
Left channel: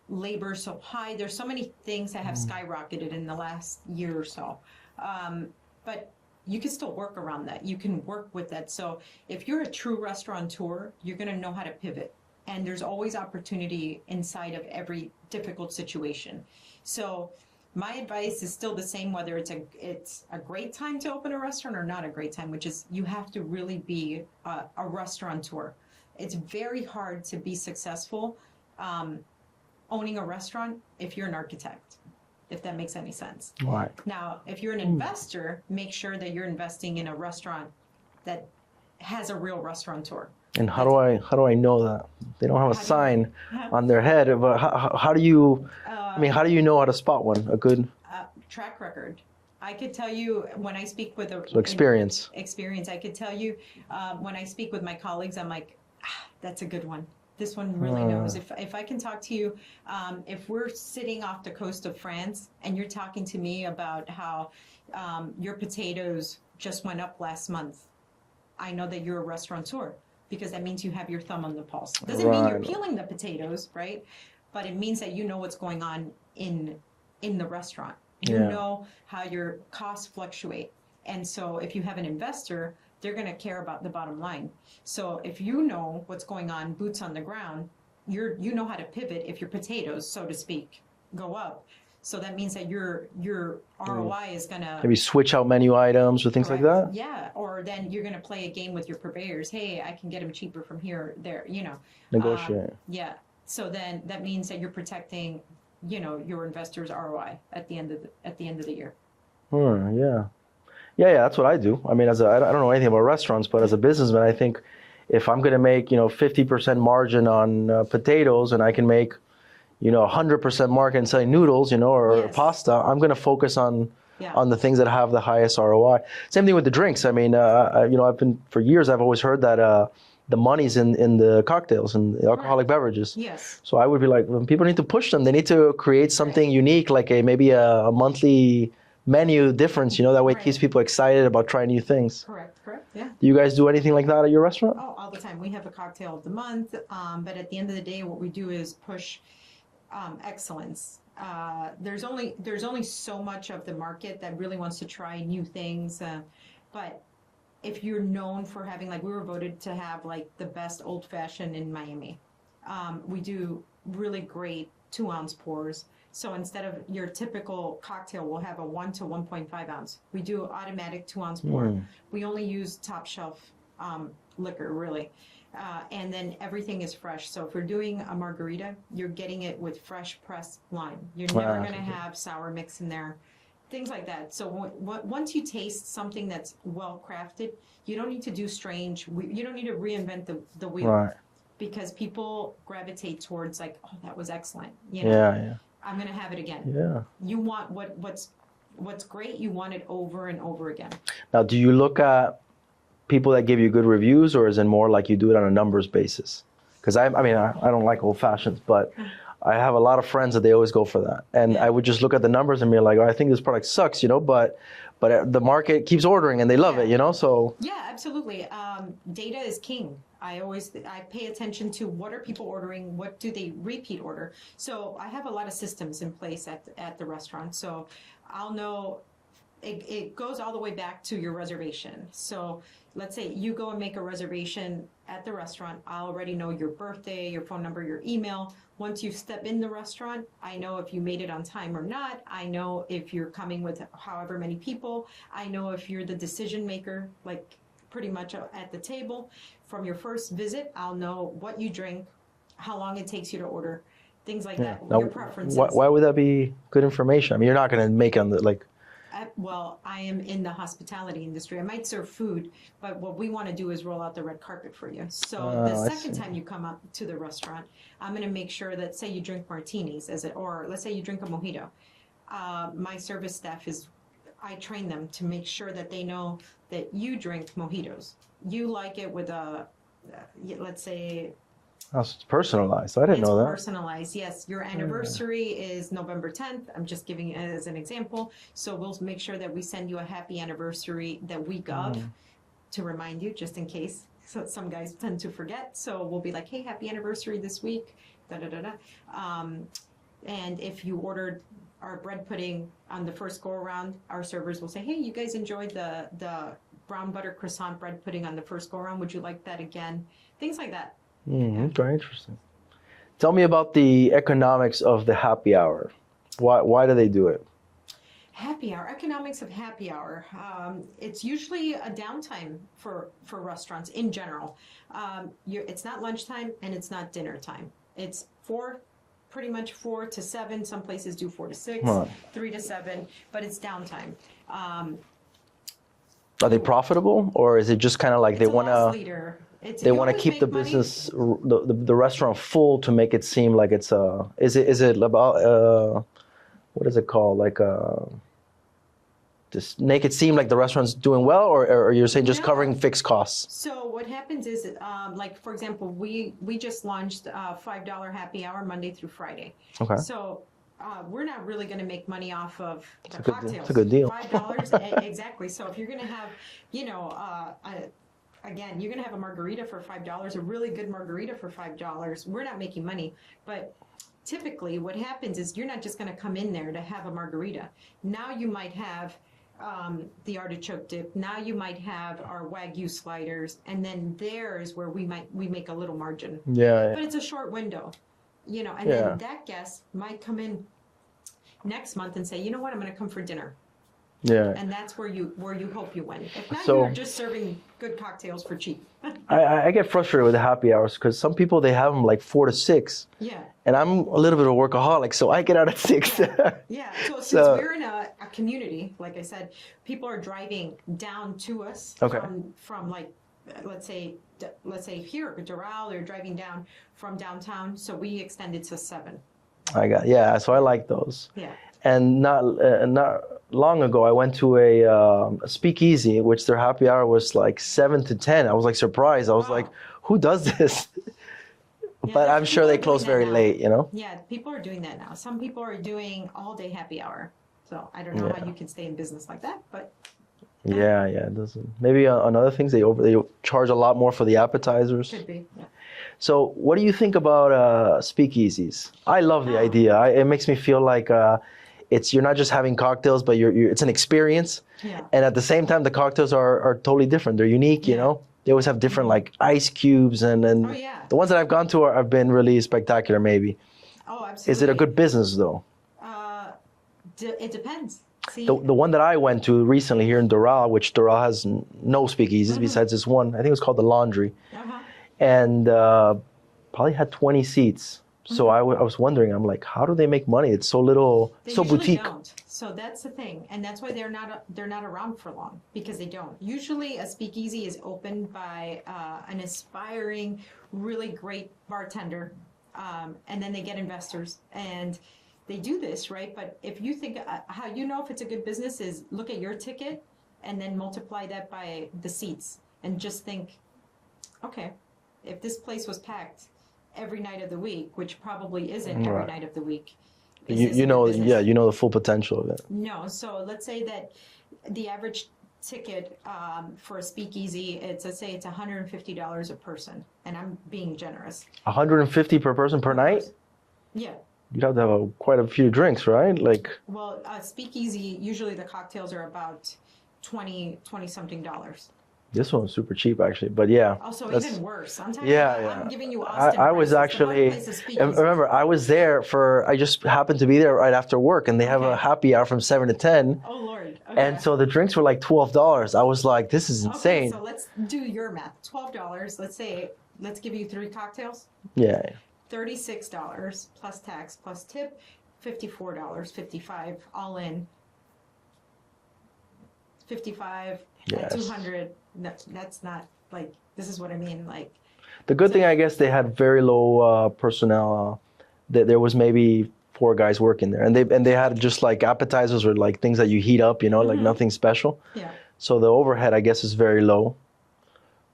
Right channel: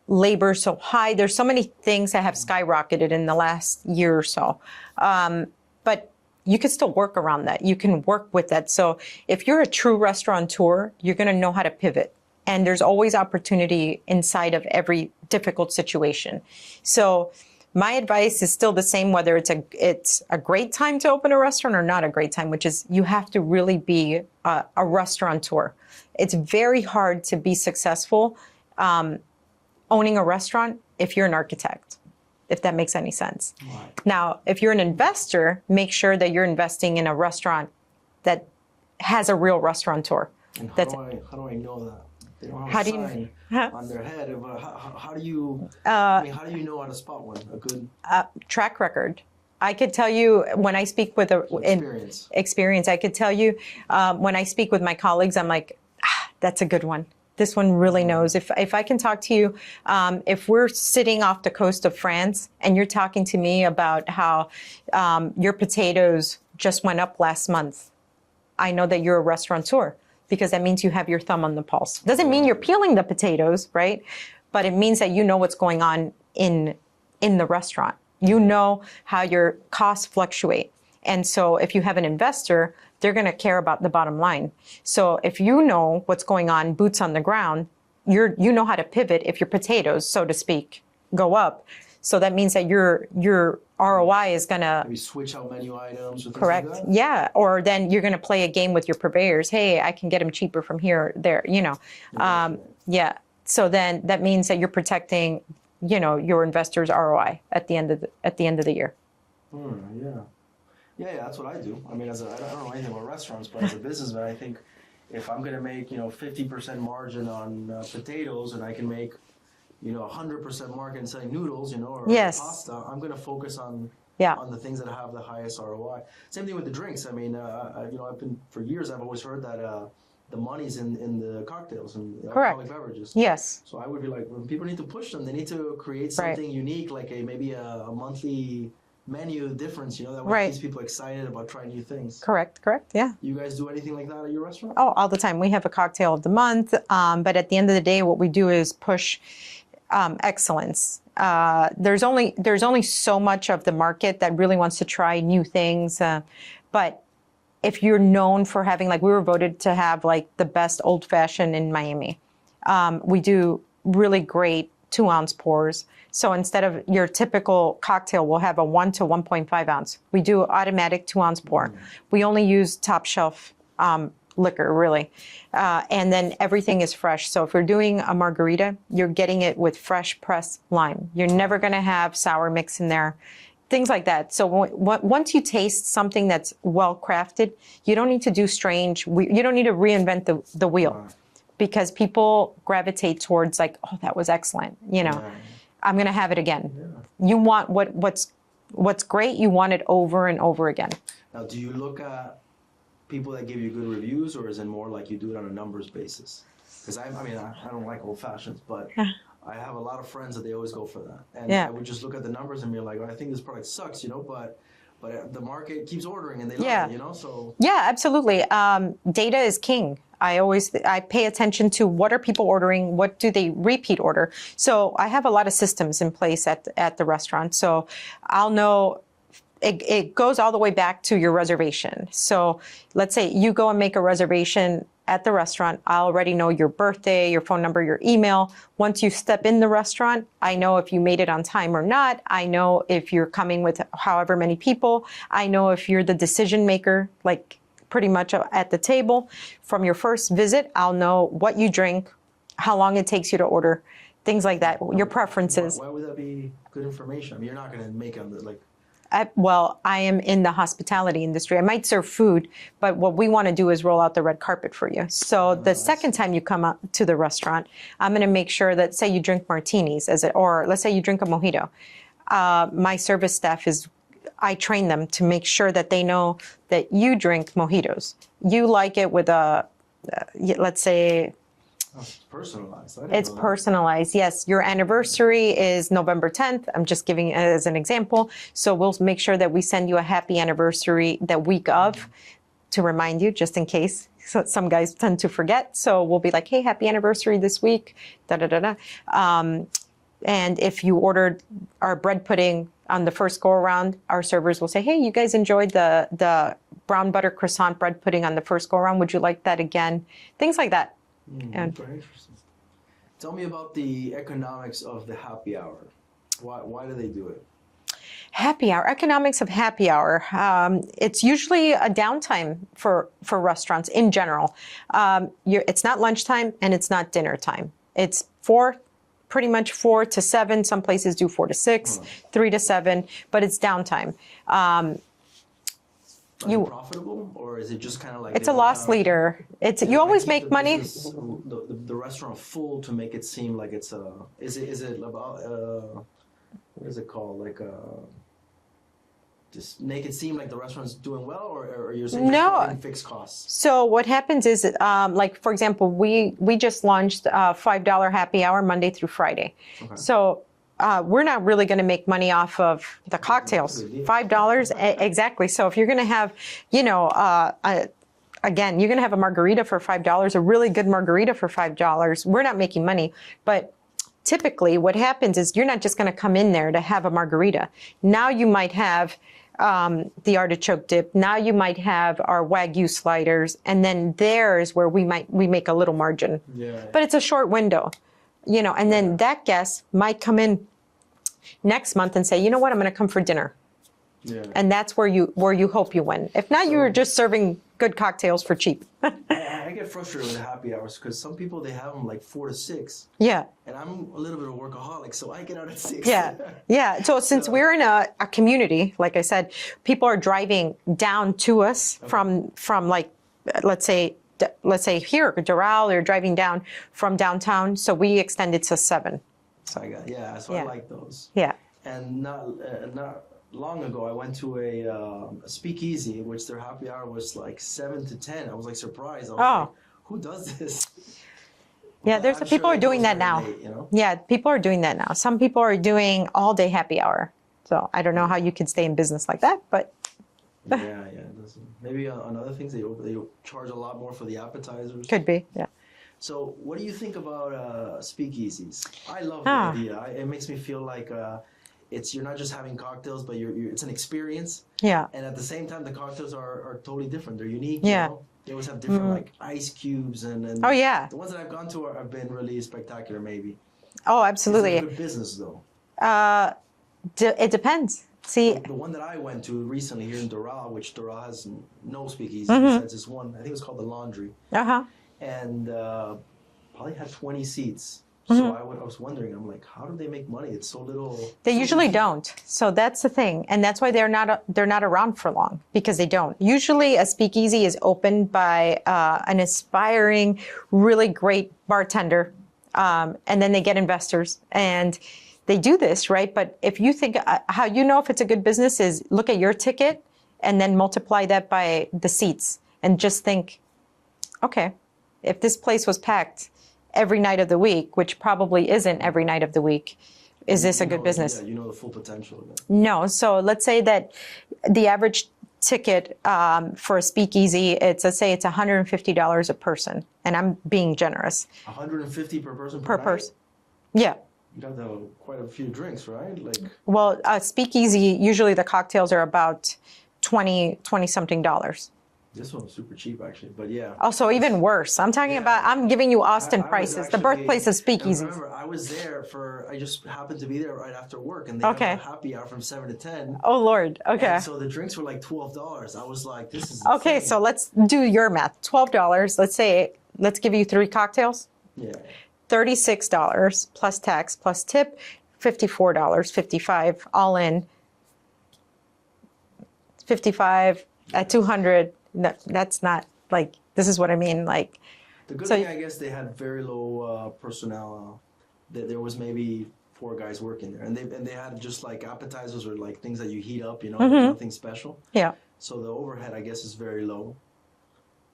labor is so high. There's so many things that have skyrocketed in the last year or so. But you can still work around that. You can work with that. So if you're a true restaurateur, you're going to know how to pivot. And there's always opportunity inside of every difficult situation. So my advice is still the same, whether it's a great time to open a restaurant or not a great time, which is you have to really be a restaurateur. It's very hard to be successful owning a restaurant if you're an architect, if that makes any sense. Right. Now, if you're an investor, make sure that you're investing in a restaurant that has a real restaurateur. And how do I know that? they don't have a How do you- sign on their head. But how do you? I mean, how do you know how to spot one? A good Track record. I could tell you when I speak with experience. Experience. I could tell you when I speak with my colleagues, I'm like, that's a good one. This one really knows. If I can talk to you, if we're sitting off the coast of France and you're talking to me about how your potatoes just went up last month, I know that you're a restaurateur because that means you have your thumb on the pulse. Doesn't mean you're peeling the potatoes, right? But it means that you know what's going on in the restaurant. You know how your costs fluctuate. And so if you have an investor, they're going to care about the bottom line. So if you know what's going on, boots on the ground, you know how to pivot if your potatoes, so to speak, go up. So that means that your ROI is going to maybe switch out menu items or things like that. Yeah, or then you're going to play a game with your purveyors. Hey, I can get them cheaper from here, there. You know, yeah. So then that means that you're protecting, you know, your investors' ROI at the end of the year. Yeah, that's what I do. I mean, I don't know anything about restaurants, but as a businessman, I think if I'm going to make, 50% margin on potatoes and I can make, 100% margin selling noodles, or pasta, I'm going to focus on the things that have the highest ROI. Same thing with the drinks. I mean, for years, I've always heard that the money's in the cocktails and the alcoholic beverages. Yes. So I would be like, when people need to push them, they need to create something unique, like maybe a monthly menu difference, that way it keeps people excited about trying new things. Correct, yeah. Do you guys do anything like that at your restaurant? Oh, all the time. We have a cocktail of the month, but at the end of the day, what we do is push excellence. There's only so much of the market that really wants to try new things, but if you're known for having, like we were voted to have like the best old fashioned in Miami, we do really great 2-ounce pours. So instead of your typical cocktail, we'll have a 1 to 1.5 ounce. We do automatic 2-ounce pour. We only use top shelf liquor, really. And then everything is fresh. So if you're doing a margarita, you're getting it with fresh pressed lime. You're never going to have sour mix in there. Things like that. So once you taste something that's well crafted, you don't need to do you don't need to reinvent the wheel. Right. Because people gravitate towards like, oh, that was excellent. I'm going to have it again. Yeah. You want what's great. You want it over and over again. Now, do you look at people that give you good reviews, or is it more like you do it on a numbers basis? Because I don't like old fashions, but I have a lot of friends that they always go for that. And I would just look at the numbers and be like, oh, I think this product sucks, but the market keeps ordering and they love it, so. Yeah, absolutely. Data is king. I pay attention to what are people ordering, what do they repeat order. So I have a lot of systems in place at the restaurant. So I'll know, it goes all the way back to your reservation. So let's say you go and make a reservation at the restaurant. I already know your birthday, your phone number, your email. Once you step in the restaurant, I know if you made it on time or not. I know if you're coming with however many people. I know if you're the decision maker, like pretty much at the table. From your first visit, I'll know what you drink, how long it takes you to order, things like that, your preferences. Why would that be good information? I mean, you're not going to make it on the, like... I am in the hospitality industry. I might serve food, but what we want to do is roll out the red carpet for you. So the second time you come up to the restaurant, I'm going to make sure that, say you drink martinis, or let's say you drink a mojito. My service staff I train them to make sure that they know that you drink mojitos. You like it with let's say... Oh, it's personalized. I didn't know that. It's personalized, yes. Your anniversary is November 10th. I'm just giving it as an example. So we'll make sure that we send you a happy anniversary that week of to remind you, just in case. So some guys tend to forget. So we'll be like, hey, happy anniversary this week, da-da-da-da. And if you ordered our bread pudding on the first go-around, our servers will say, hey, you guys enjoyed the brown butter croissant bread pudding on the first go-around. Would you like that again? Things like that. Very interesting. Tell me about the economics of the happy hour. Why do they do it? Happy hour, economics of happy hour. It's usually a downtime for restaurants in general. It's not lunchtime and it's not dinner time. It's pretty much 4 to 7. Some places do 4 to 6, 3 to 7, but it's downtime. Are they profitable, or is it just kind of like it's a loss leader? they you want to always keep make the money. business, the restaurant full to make it seem like it's is it about what is it called, like just make it seem like the restaurant's doing well, or you're saying just No. covering fixed costs? So what happens is, like for example, we just launched $5 happy hour Monday through Friday. Okay. So we're not really going to make money off of the cocktails. That's a good deal. $5 exactly. So if you're going to have, again, you're going to have a margarita for $5, a really good margarita for $5. We're not making money, but typically what happens is you're not just going to come in there to have a margarita. Now you might have the artichoke dip. Now you might have our Wagyu sliders, and then there's where we make a little margin. Yeah. But it's a short window, and then that guest might come in next month and say, you know what, I'm going to come for dinner. Yeah. And that's where you hope you win. If not, So- you're just serving good cocktails for cheap. I get frustrated with the happy hours because some people, they have them like 4 to 6. Yeah. And I'm a little bit of a workaholic, so I get out at 6. Yeah, yeah. So since So- we're in a community, like I said, people are driving down to us from like, let's say here, Doral, they're driving down from downtown. So we extended to 7. So I like those. Yeah. And not long ago, I went to a speakeasy, which their happy hour was like 7 to 10. I was like surprised. I was like, who does this? Yeah, But there's I'm people sure are they doing close that very now. late, Yeah, people are doing that now. Some people are doing all day happy hour. So I don't know how you can stay in business like that, but Yeah, it doesn't. Maybe on other things, they charge a lot more for the appetizers. could be. Yeah. So what do you think about speakeasies? I love the idea. It makes me feel like you're not just having cocktails, but it's an experience. Yeah. And at the same time, the cocktails are totally different. They're unique, you know? They always have different like ice cubes and Oh, yeah. the ones that I've gone to have been really spectacular maybe. Oh, Is absolutely. it a good business though? It depends. See, The one that I went to recently here in Doral, which Doral has no speakeasies besides this one. I think it was called the Laundry. And probably had 20 seats. So I was wondering, I'm like, how do they make money? It's so little. they so usually boutique. don't. So that's the thing, and that's why they're not around for long, because they don't. Usually, a speakeasy is opened by an aspiring, really great bartender, and then they get investors, and they do this, right? But if you think how you know if it's a good business is look at your ticket and then multiply that by the seats, and just think, okay, if this place was packed every night of the week, which probably isn't every night of the week, is this a good business? Yeah, you know the full potential of it. No. So let's say that the average ticket for a speakeasy, let's say it's $150 a person, and I'm being generous. $150 per person per night? person. Yeah. You'd have to have quite a few drinks, right? Like, Well, a speakeasy, usually the cocktails are about $20 something dollars. this one was super cheap actually, but yeah. Also, even worse. I'm talking Yeah, about, yeah. I'm giving you Austin I was prices, actually, the birthplace of and speakeasies. remember, I was there I just happened to be there right after work, and they have a Okay. happy hour from 7 to 10. Oh, Lord. Okay. And so the drinks were like $12. I was like, this is insane. Okay, so let's do your math. $12. Let's give you 3 cocktails. Yeah. $36 plus tax plus tip, $54, $55 all in. 55 at Yes. 200. That's not like, this is what I mean. Like, The good So- thing, I guess, they had very low personnel. There was maybe 4 guys working there, and they had just like appetizers or like things that you heat up, like nothing special. yeah. So the overhead, I guess, is very low.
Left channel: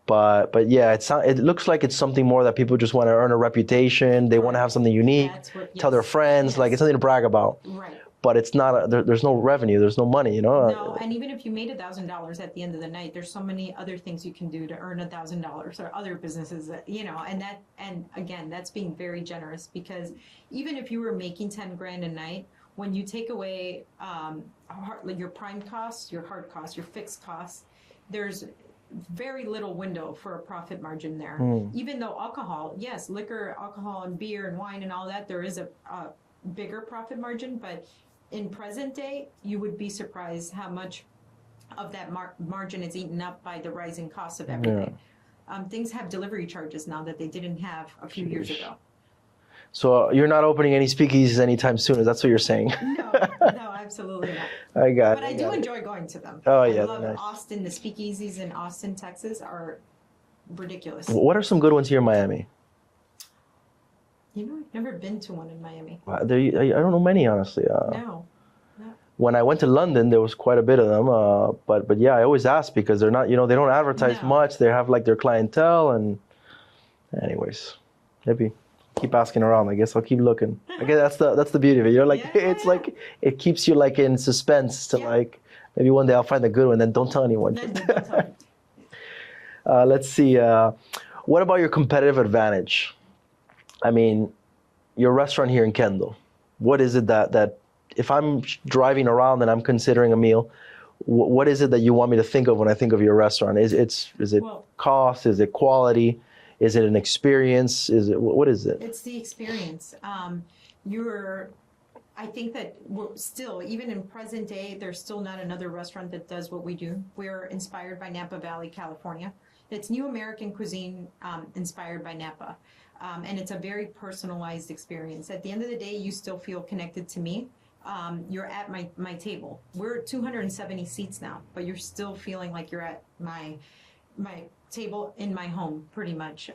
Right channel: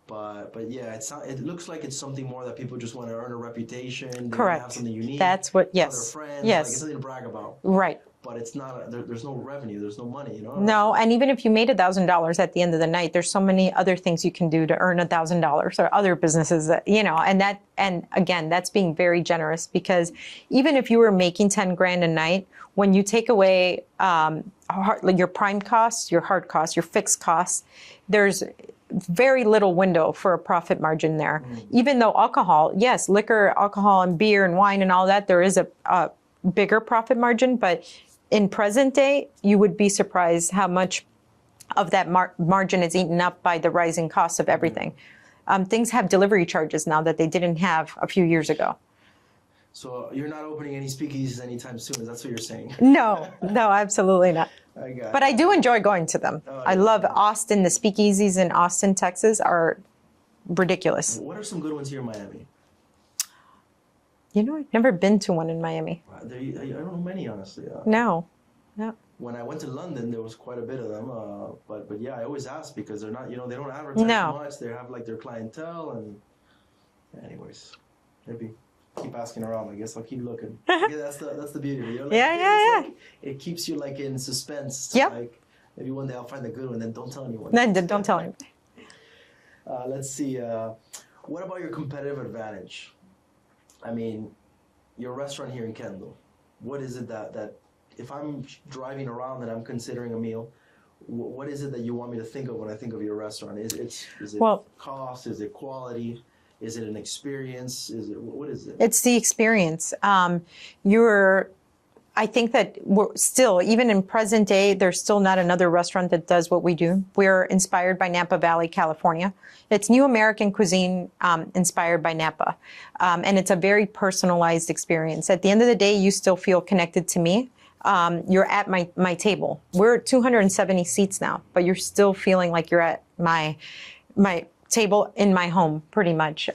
But yeah, it looks like it's something more that people just want to earn a reputation. They want to have Correct. something unique. That's what- Tell their yes. friends. Yes. Like it's something to brag about. Right. But it's not. There's no revenue. There's no money. No, and even if you made $1,000 at the end of the night, there's so many other things you can do to earn $1,000 or other businesses that, and again, that's being very generous, because even if you were making 10 grand a night, when you take away like your prime costs, your hard costs, your fixed costs, there's very little window for a profit margin there. Even though alcohol, yes, liquor, alcohol and beer and wine and all that, there is a bigger profit margin, but in present day, you would be surprised how much of that margin is eaten up by the rising costs of everything. Things have delivery charges now that they didn't have a few years ago. So you're not opening any speakeasies anytime soon. Is that what you're saying? No, absolutely not. I got it. But I do enjoy going to them. Oh, I yeah, love nice. Austin. The speakeasies in Austin, Texas are ridiculous. What are some good ones here in Miami? You know, I've never been to one in Miami. I don't know many, honestly. No. When I went to London, there was quite a bit of them. But yeah, I always ask because they're not, they don't advertise much. They have like their clientele, and anyways, maybe keep asking around. I guess I'll keep looking. I guess that's the beauty of it. Like it keeps you like in suspense to like maybe one day I'll find a good one. Then don't tell anyone. Then don't tell anyone. Let's see. What about your competitive advantage? I mean, your restaurant here in Kendall. What is it that if I'm driving around and I'm considering a meal, what is it that you want me to think of when I think of your restaurant? Is it cost? Is it quality? Is it an experience? What is it? It's the experience. I think that we're still, even in present day, there's still not another restaurant that does what we do. We're inspired by Napa Valley, California. It's new American cuisine inspired by Napa. And it's a very personalized experience. At the end of the day, you still feel connected to me. You're at my table. We're 270 seats now, but you're still feeling like you're at my table in my home, pretty much.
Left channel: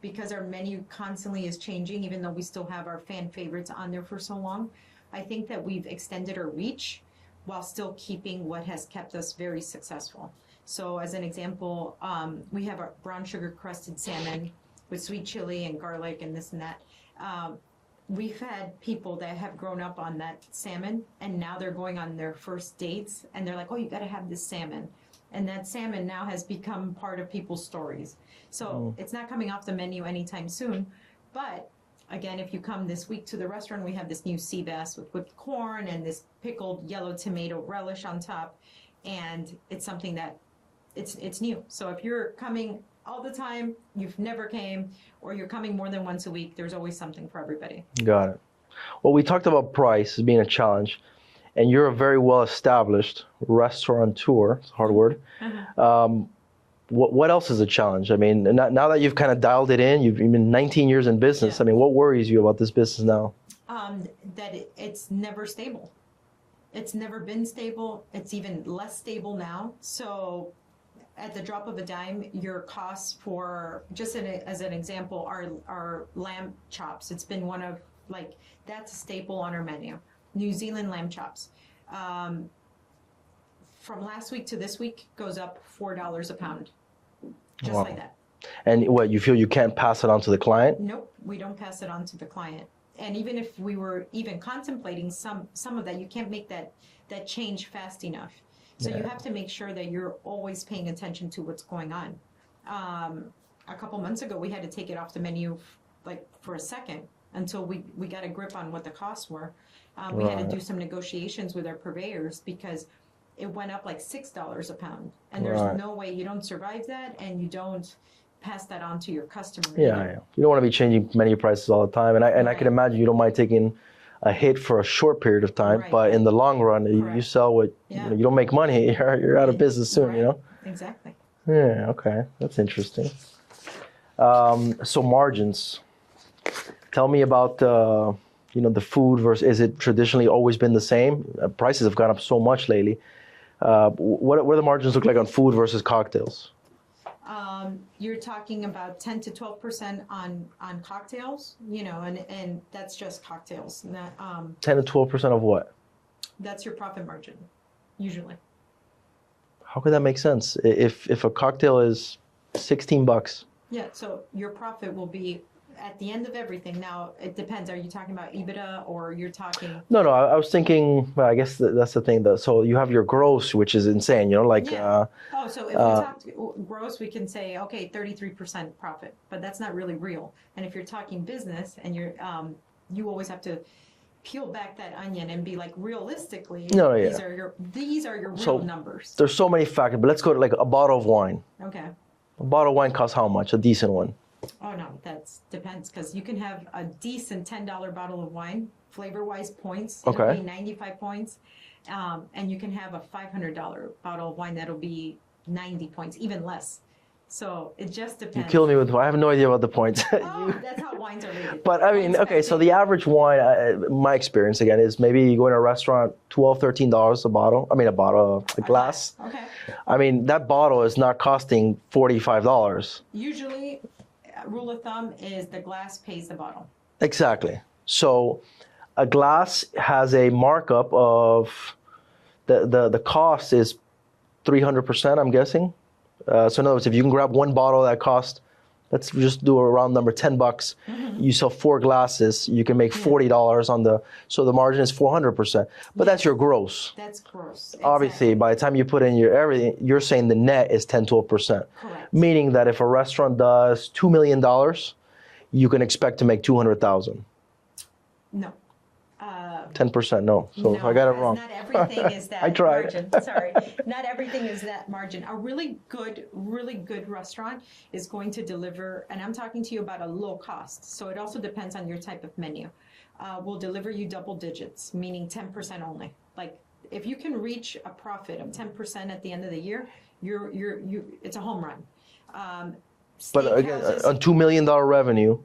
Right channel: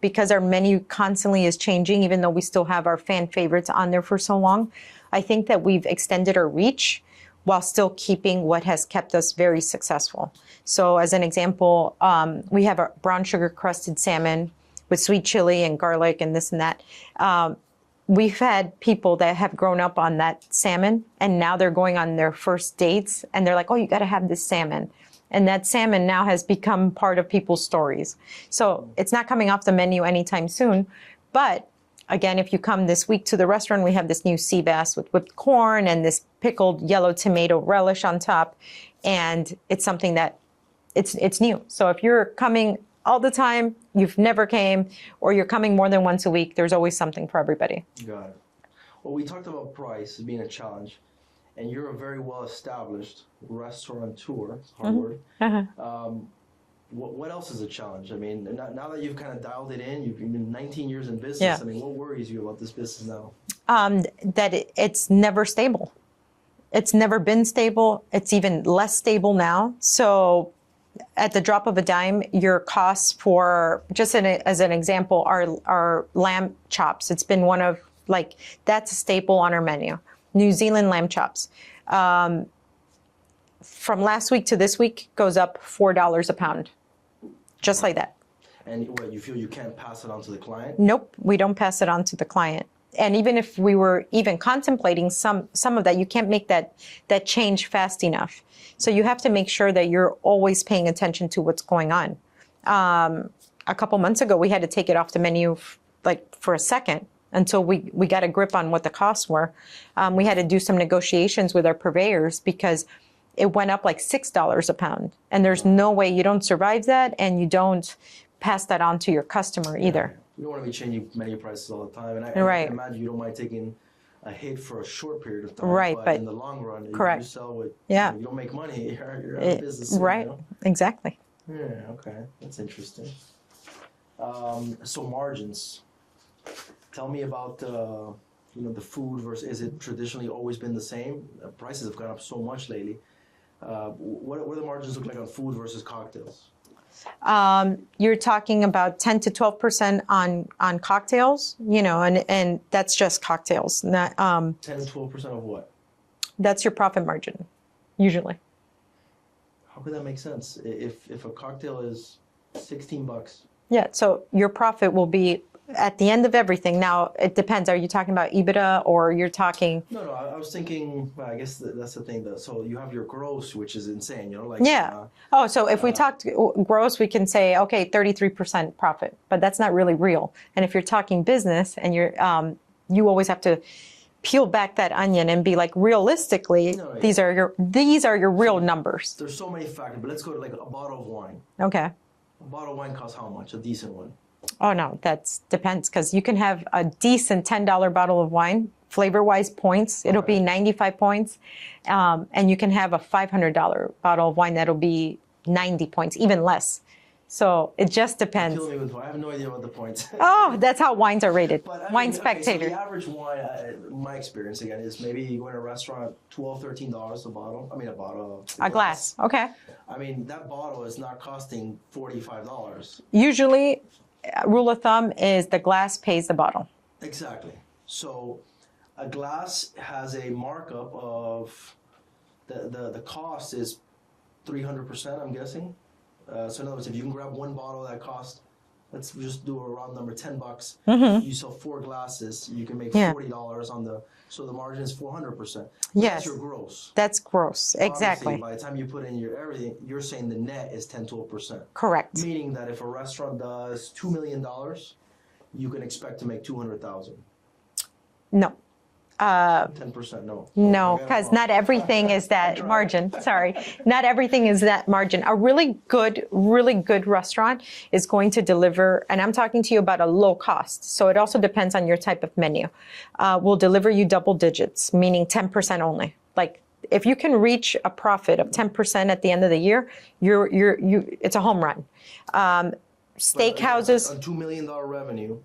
Because our menu constantly is changing, even though we still have our fan favorites on there for so long. I think that we've extended our reach while still keeping what has kept us very successful. So as an example, we have a brown sugar crusted salmon with sweet chili and garlic and this and that. We've had people that have grown up on that salmon, and now they're going on their first dates, and they're like, oh, you got to have this salmon. And that salmon now has become part of people's stories. So it's not coming off the menu anytime soon. But again, if you come this week to the restaurant, we have this new sea bass with whipped corn and this pickled yellow tomato relish on top. And it's something that it's new. So if you're coming all the time, you've never came, or you're coming more than once a week, there's always something for everybody. Got it. Well, we talked about price as being a challenge, and you're a very well-established restaurateur, it's a hard word. What else is a challenge? I mean, now that you've kind of dialed it in, you've been 19 years in business. I mean, what worries you about this business now? That it's never stable. It's never been stable. It's even less stable now. So at the drop of a dime, your costs for, just as an example, our lamb chops. It's been one of, that's a staple on our menu. New Zealand lamb chops. From last week to this week goes up $4 a pound. Just like that. And what, you feel you can't pass it on to the client? Nope, we don't pass it on to the client. And even if we were even contemplating some of that, you can't make that change fast enough. So you have to make sure that you're always paying attention to what's going on. A couple months ago, we had to take it off the menu for a second until we got a grip on what the costs were. We had to do some negotiations with our purveyors because it went up like $6 a pound. And there's no way, you don't survive that, and you don't pass that on to your customer either. You don't want to be changing menu prices all the time. And I can imagine you don't mind taking a hit for a short period of time, but in the long run, you sell what, you don't make money, you're out of business soon. Right, exactly. Yeah, okay, that's interesting. So margins, tell me about the food versus, is it traditionally always been the same? Prices have gone up so much lately. What do the margins look like on food versus cocktails? You're talking about 10 to 12% on cocktails, and that's just cocktails. Not, 10 to 12% of what? That's your profit margin, usually. How could that make sense? If a cocktail is $16. Yeah, so your profit will be at the end of everything. Now, it depends. Are you talking about EBITDA or you're talking? No, I was thinking, well, I guess that's the thing. So you have your gross, which is insane, so if we talked gross, we can say, okay, 33% profit, but that's not really real. And if you're talking business and you always have to peel back that onion and be like, realistically, these are your real numbers. There's so many factors, but let's go to like a bottle of wine. Okay. A bottle of wine costs how much? A decent one? Oh, no, that depends, because you can have a decent $10 bottle of wine, flavor-wise points. It'll be 95 points. And you can have a $500 bottle of wine that'll be 90 points, even less. So it just depends. Kill me with, I have no idea about the points. Oh, that's how wines are rated. But I mean, Wine okay, so Spectator. the average wine, my experience again, is maybe you go in a restaurant, $12, $13 a bottle. I mean, a glass. Okay. I mean, that bottle is not costing $45. Usually, rule of thumb is the glass pays the bottle. Exactly. So a glass has a markup of, the cost is 300%, I'm guessing. So in other words, if you can grab one bottle that costs, let's just do a round number, $10. You sell 4 glasses, you can make $40 on so the margin is 400%. But that's your gross. That's gross, exactly. Obviously, by the time you put in your everything, you're saying the net is 10, 12%. Correct. Meaning that if a restaurant does $2 million, you can expect to make 200,000. No. 10%, no. So no, because not everything is that margin. Sorry, not everything is that margin. A really good restaurant is going to deliver, and I'm talking to you about a low cost. So it also depends on your type of menu. Will deliver you double digits, meaning 10% only. Like if you can reach a profit of 10% at the end of the year, it's a home run. Steakhouses on $2 million revenue.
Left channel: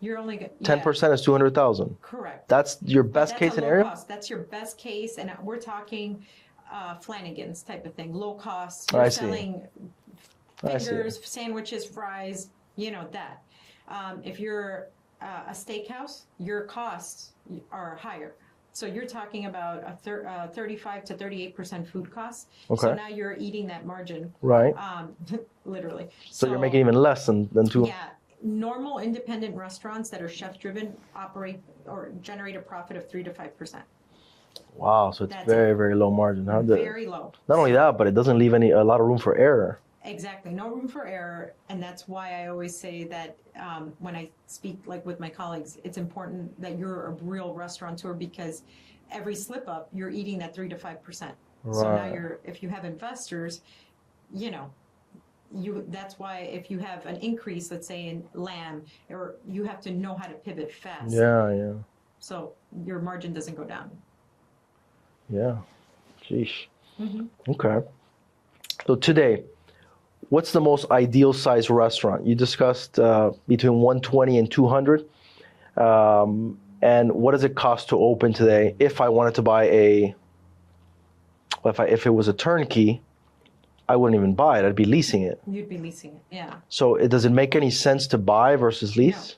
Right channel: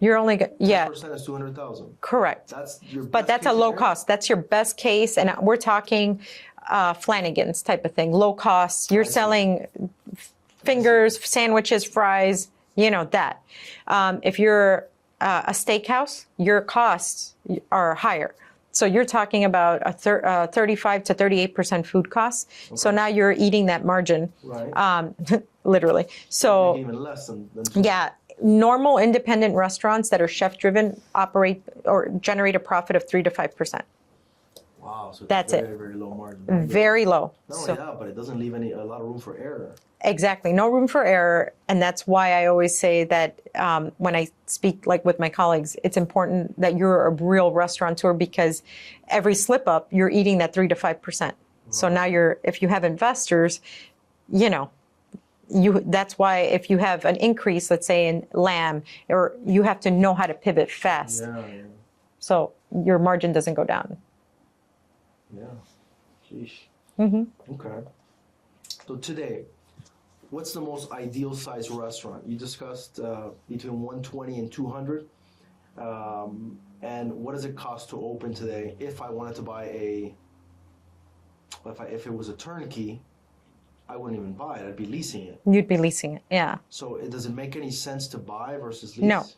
You're only 10% is 200,000. Correct. That's your best case. But that's a low cost. That's your best case, and we're talking Flanagan's type of thing. Low cost. You're selling fingers, sandwiches, fries. You know that. If you're a steakhouse, your costs are higher. So you're talking about a 35 to 38% food costs. Okay. So now you're eating that margin. Right. Literally. So you're making even less than 2. Yeah. Normal independent restaurants that are chef-driven operate or generate a profit of 3 to 5%. Wow, so it's very low margin. Huh? Very low. Not only that, but it doesn't leave a lot of room for error. Exactly, no room for error, and that's why I always say that when I speak like with my colleagues, it's important that you're a real restaurateur because every slip up, you're eating that 3 to 5%. Right. So now if you have investors, that's why if you have an increase, let's say in lamb, or you have to know how to pivot fast. Yeah. So your margin doesn't go down. Yeah. Sheesh. Okay. So today, what's the most ideal size restaurant? You discussed between 120 and 200. And what does it cost to open today? If I wanted to buy if it was a turnkey, I wouldn't even buy it. I'd be leasing it. You'd be leasing it, yeah. So does it make any sense to buy versus lease?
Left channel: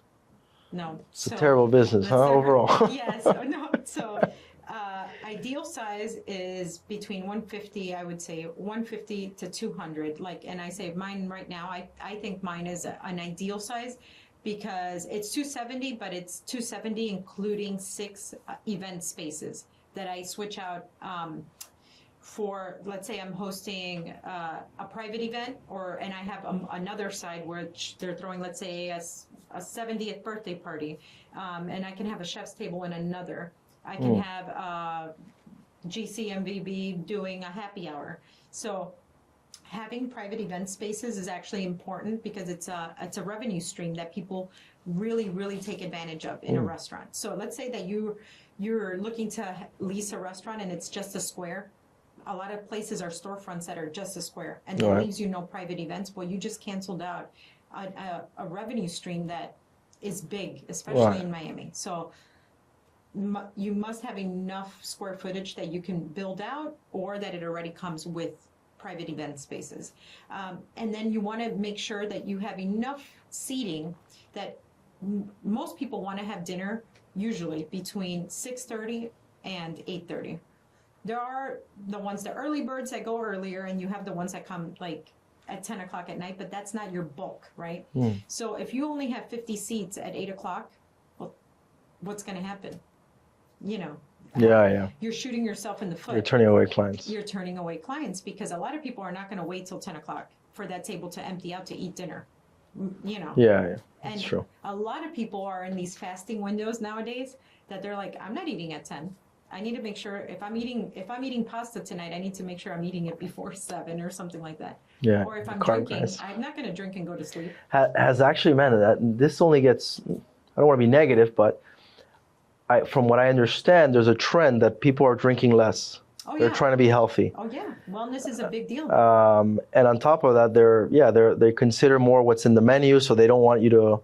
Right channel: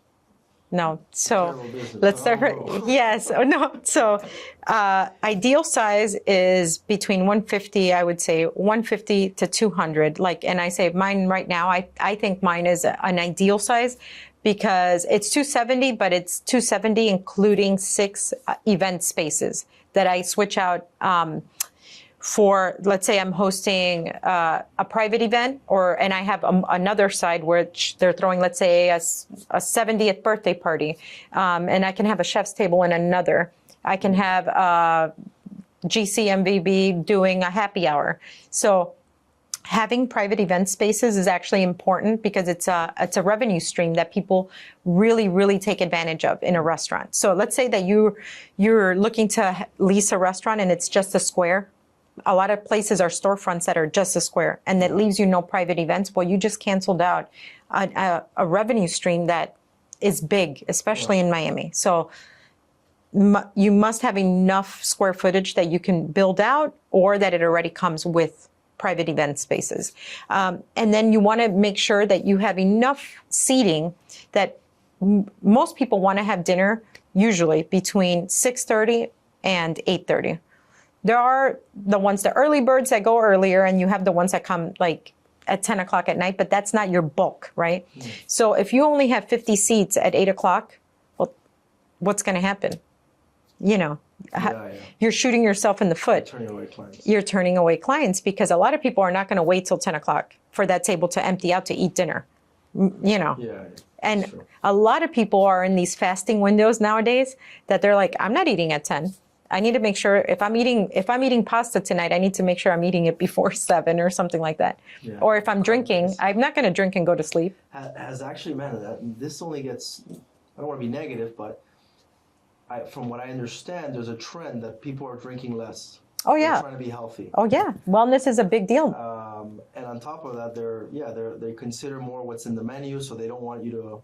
No. It's a terrible business, overall. Yes. No. So ideal size is between 150, I would say 150 to 200. And I say mine right now, I think mine is an ideal size because it's 270, but it's 270 including 6 event spaces that I switch out for, let's say I'm hosting a private event, and I have another side where they're throwing, let's say, a 70th birthday party, and I can have a chef's table in another. I can have GCMVB doing a happy hour. So having private event spaces is actually important because it's a revenue stream that people really, really take advantage of in a restaurant. So let's say that you're looking to lease a restaurant and it's just a square. A lot of places are storefronts that are just a square, and that leaves you no private events. Well, you just canceled out a revenue stream that is big, especially in Miami. So you must have enough square footage that you can build out, or that it already comes with private event spaces. And then you want to make sure that you have enough seating that most people want to have dinner usually between 6:30 and 8:30. There are the early birds that go earlier, and you have the ones that come like at 10 o'clock at night, but that's not your bulk, right? So if you only have 50 seats at 8 o'clock, well, what's going to happen? You're shooting yourself in the foot. You're turning away clients. You're turning away clients because a lot of people are not going to wait till 10 o'clock for that table to empty out to eat dinner, Yeah. And a lot of people are in these fasting windows nowadays that they're like, I'm not eating at 10. I need to make sure if I'm eating pasta tonight, I need to make sure I'm eating it before 7 or something like that. Yeah, or if I'm drinking, I'm not going to drink and go to sleep. Has actually meant that this only gets, I don't want to be negative, but from what I understand, there's a trend that people are drinking less. Oh, They're yeah. trying to be healthy. Oh, yeah. Wellness is a big deal. And on top of that, they consider more what's in the menu, so they don't want you to.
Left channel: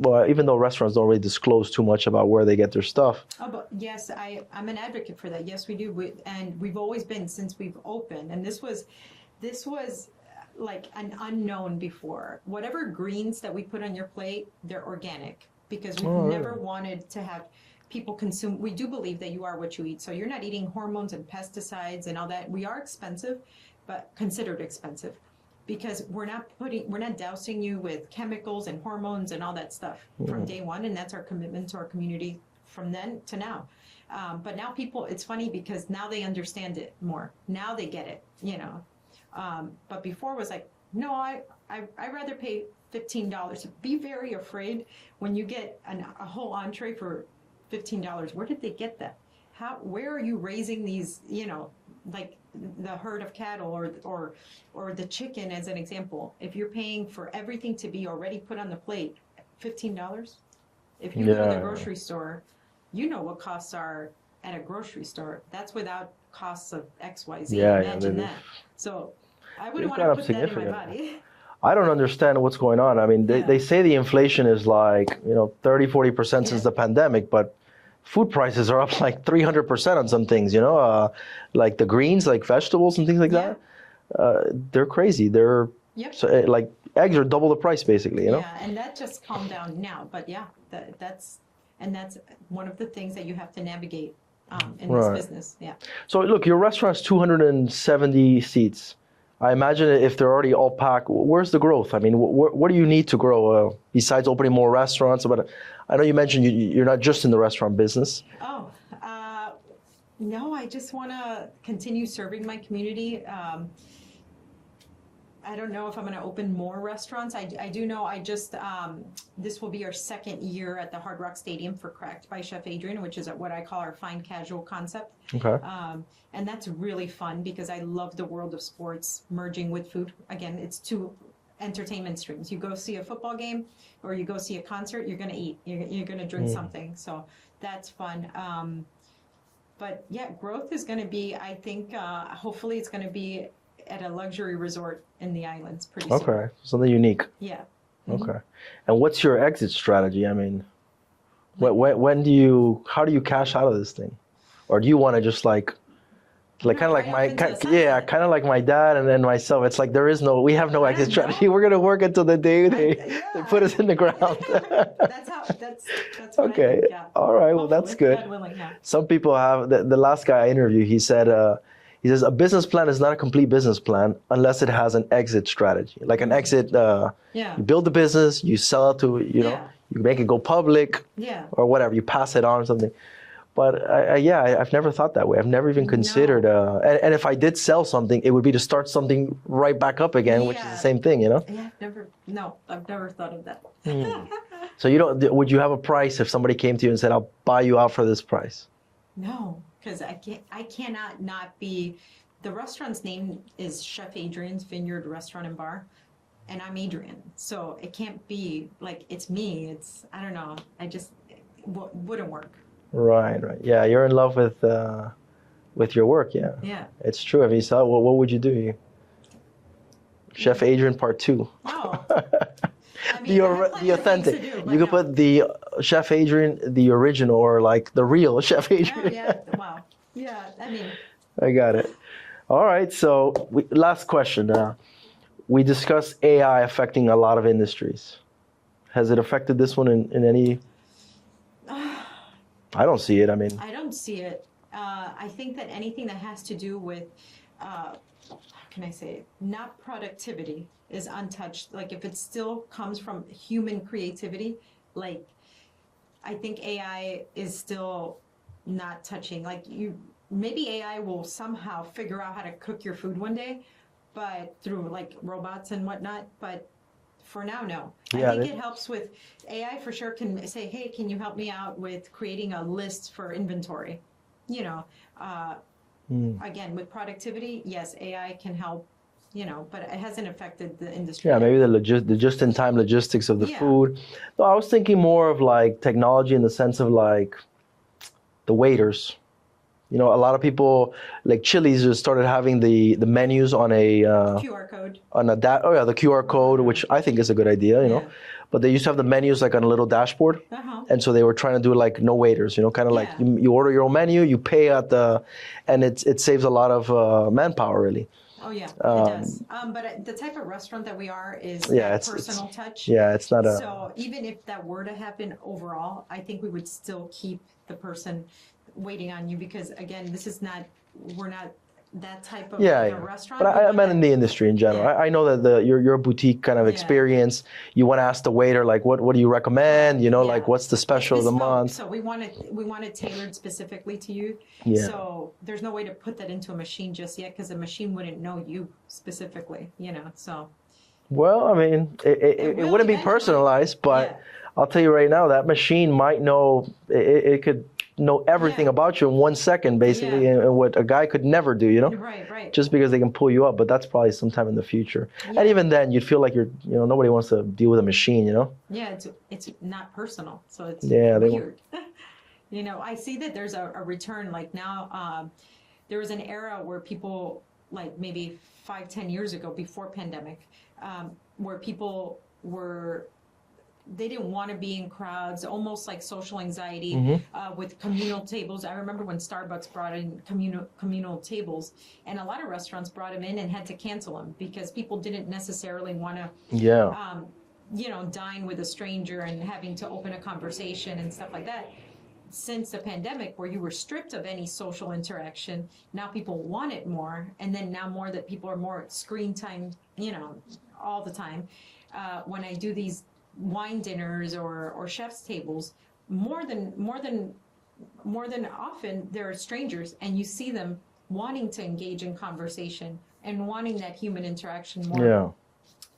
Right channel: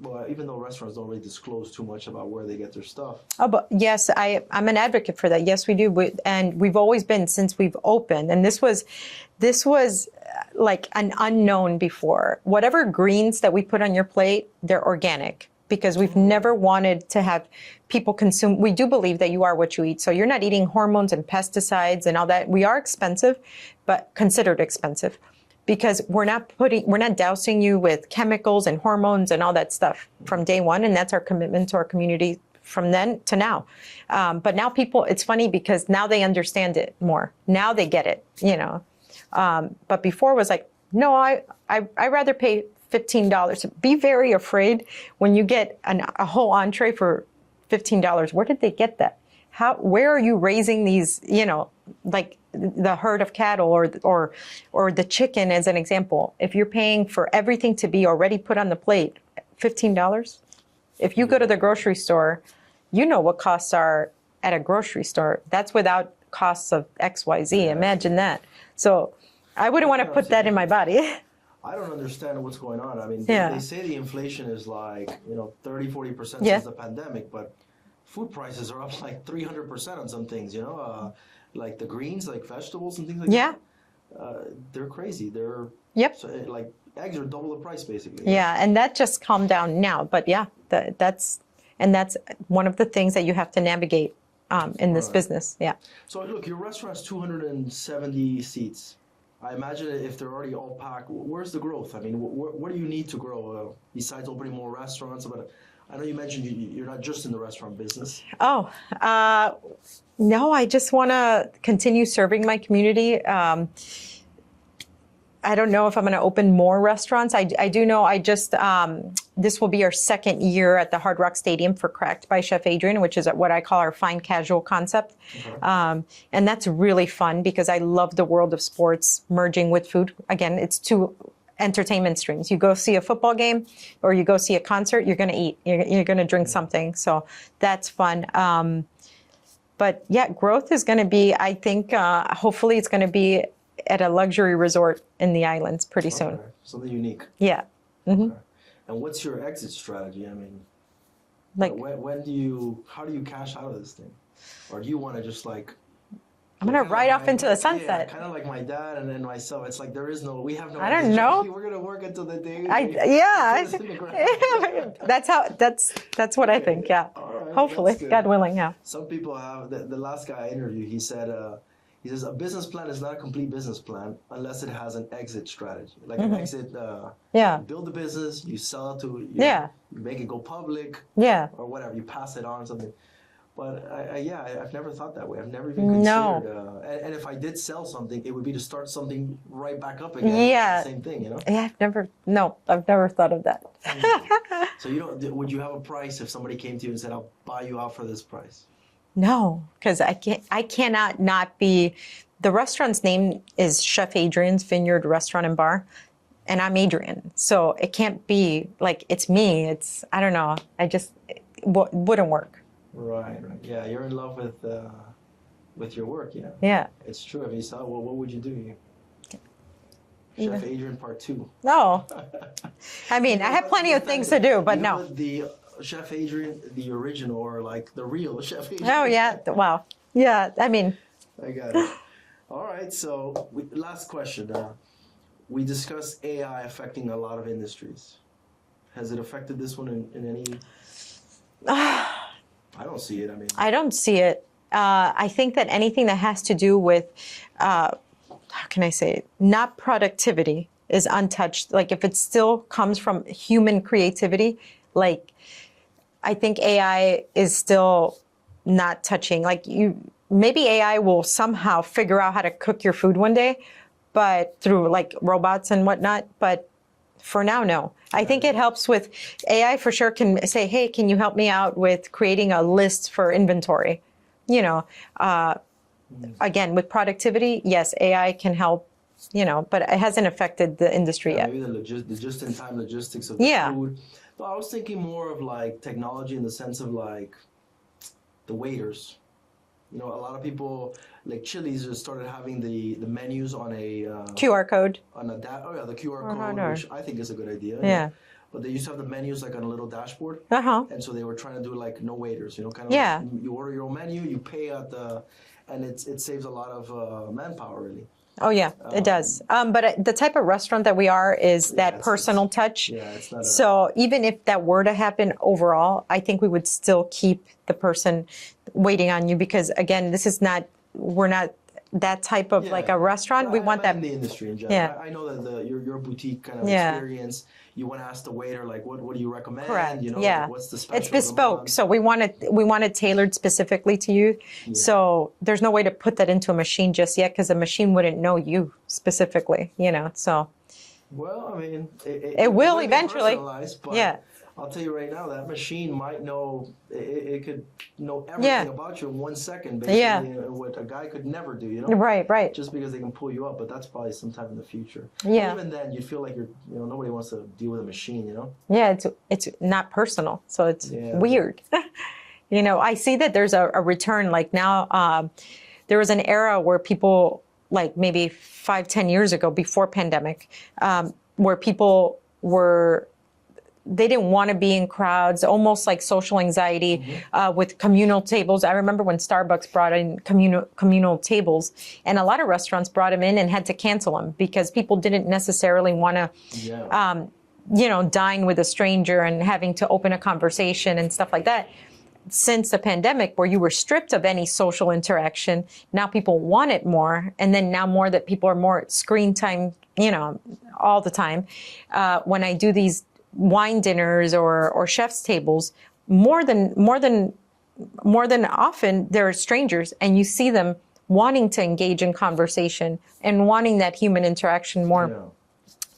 Well, even though restaurants don't really disclose too much about where they get their stuff. Oh, but yes, I'm an advocate for that. Yes, we do. And we've always been since we've opened. And this was like an unknown before. Whatever greens that we put on your plate, they're organic because we've never wanted to have people consume. We do believe that you are what you eat. So you're not eating hormones and pesticides and all that. We are expensive, but considered expensive. Because we're not dousing you with chemicals and hormones and all that stuff from day one, and that's our commitment to our community from then to now. But now people, it's funny because now they understand it more. Now they get it, you know. But before it was like, no, I rather pay $15. Be very afraid when you get a whole entree for $15. Where did they get that? Where are you raising these, you know, like the herd of cattle or the chicken as an example? If you're paying for everything to be already put on the plate, $15. If you go to the grocery store, you know what costs are at a grocery store. That's without costs of XYZ. Imagine that. So I wouldn't want to put that in my body. I don't understand what's going on. I mean, they say the inflation is like, you know, 30-40% since the pandemic, but food prices are up like 300% on some things, you know, like the greens, like vegetables and things like that. They're crazy. They're so, like eggs are double the price basically. You know? And that just calmed down now. But that's one of the things that you have to navigate in this business. Yeah. So look, your restaurant's 270 seats. I imagine if they're already all packed, where's the growth? I mean, what do you need to grow besides opening more restaurants? But I know you mentioned you're not just in the restaurant business. Oh, no, I just want to continue serving my community. I don't know if I'm going to open more restaurants. I do know this will be our second year at the Hard Rock Stadium for Cracked by Chef Adrianne, which is what I call our fine casual concept. Okay. And that's really fun because I love the world of sports merging with food. Again, it's two entertainment streams. You go see a football game or you go see a concert, you're going to eat, you're going to drink something. So that's fun. But yeah, growth is going to be, I think, hopefully it's going to be at a luxury resort in the islands pretty soon. Okay, something unique. Yeah. Mm-hmm. Okay. And what's your exit strategy? I mean, Like- how do you cash out of this thing? Or do you want to just like kinda kinda right like off into the sunset. Yeah, kind of like my dad and then myself. It's like we have no I don't exit strategy. know. We're going to work until the day they put us in the ground. that's what I think, yeah. All right, well, Hopefully, that's good. God willing, yeah. Some people have, the last guy I interviewed, he says, a business plan is not a complete business plan unless it has an exit strategy. Like an exit, Yeah. you build the business, you sell it to, you know, you make it go public Yeah. or whatever, you pass it on or something. But I've never thought that way. I've never even considered, and if I did sell something, it would be to start something right back up again, which is the same thing, you know? Yeah, I've never thought of that. So would you have a price if somebody came to you and said, I'll buy you out for this price? No, because I cannot not be, the restaurant's name is Chef Adrianne's Vineyard Restaurant and Bar, and I'm Adrianne. So it can't be like, it's me, I don't know, it wouldn't work. Right. Yeah, you're in love with your work, yeah. Yeah. It's true. If you saw, what would you do? Chef Adrianne Part 2. Oh, I mean, I have plenty of things to do, but you no. could put the Chef Adrianne, the original, or like the real Chef Adrianne. Oh, yeah. Wow. Yeah, I mean. I got it. All right, so last question. We discussed AI affecting a lot of industries. Has it affected this one in any? I don't see it. I mean, I don't see it. I think that anything that has to do with, how can I say it, not productivity is untouched. Like if it still comes from human creativity, like I think AI is still not touching. Like maybe AI will somehow figure out how to cook your food one day, but through like robots and whatnot. But for now, no. I think it helps with AI for sure can say, hey, can you help me out with creating a list for inventory? You know, again, with productivity, yes, AI can help, you know, but it hasn't affected the industry yet. Maybe the just-in-time logistics of the food. No, I was thinking more of like technology in the sense of like the waiters. You know, a lot of people, like Chili's, just started having the menus on a QR code. on a the QR code, which I think is a good idea. You know? But they used to have the menus like on a little dashboard, and so they were trying to do like no waiters. You know, kind of like you order your own menu, you pay at and it saves a lot of manpower really. Oh yeah, it does. But the type of restaurant that we are is that personal touch. Yeah, it's not a. So even if that were to happen overall, I think we would still keep the person waiting on you, because again, we're not that type of like a restaurant. But we want that in the industry in general. Yeah. I know that your boutique kind of experience. You want to ask the waiter like, what do you recommend? Correct. You know, like what's the special it's of the bespoke. month? So we want it tailored specifically to you. Yeah. So there's no way to put that into a machine just yet, because the machine wouldn't know you specifically. You know, so. Well, I mean, it wouldn't be personalized, but I'll tell you right now, that machine might know. It could know everything about you in 1 second, basically, and what a guy could never do, you know? Right. Just because they can pull you up, but that's probably sometime in the future. Yeah. And even then, you'd feel like nobody wants to deal with a machine, you know? Yeah, it's not personal, so it's weird. You know, I see that there's a return. Like now, there was an era where people, like maybe 5-10 years ago, before pandemic, where people they didn't want to be in crowds, almost like social anxiety with communal tables. I remember when Starbucks brought in communal tables, and a lot of restaurants brought them in and had to cancel them because people didn't necessarily want to, dine with a stranger and having to open a conversation and stuff like that. Since the pandemic, where you were stripped of any social interaction, now people want it more. And then now more that people are more screen time, all the time. When I do these wine dinners or chef's tables, more than often they're strangers, and you see them wanting to engage in conversation and wanting that human interaction more.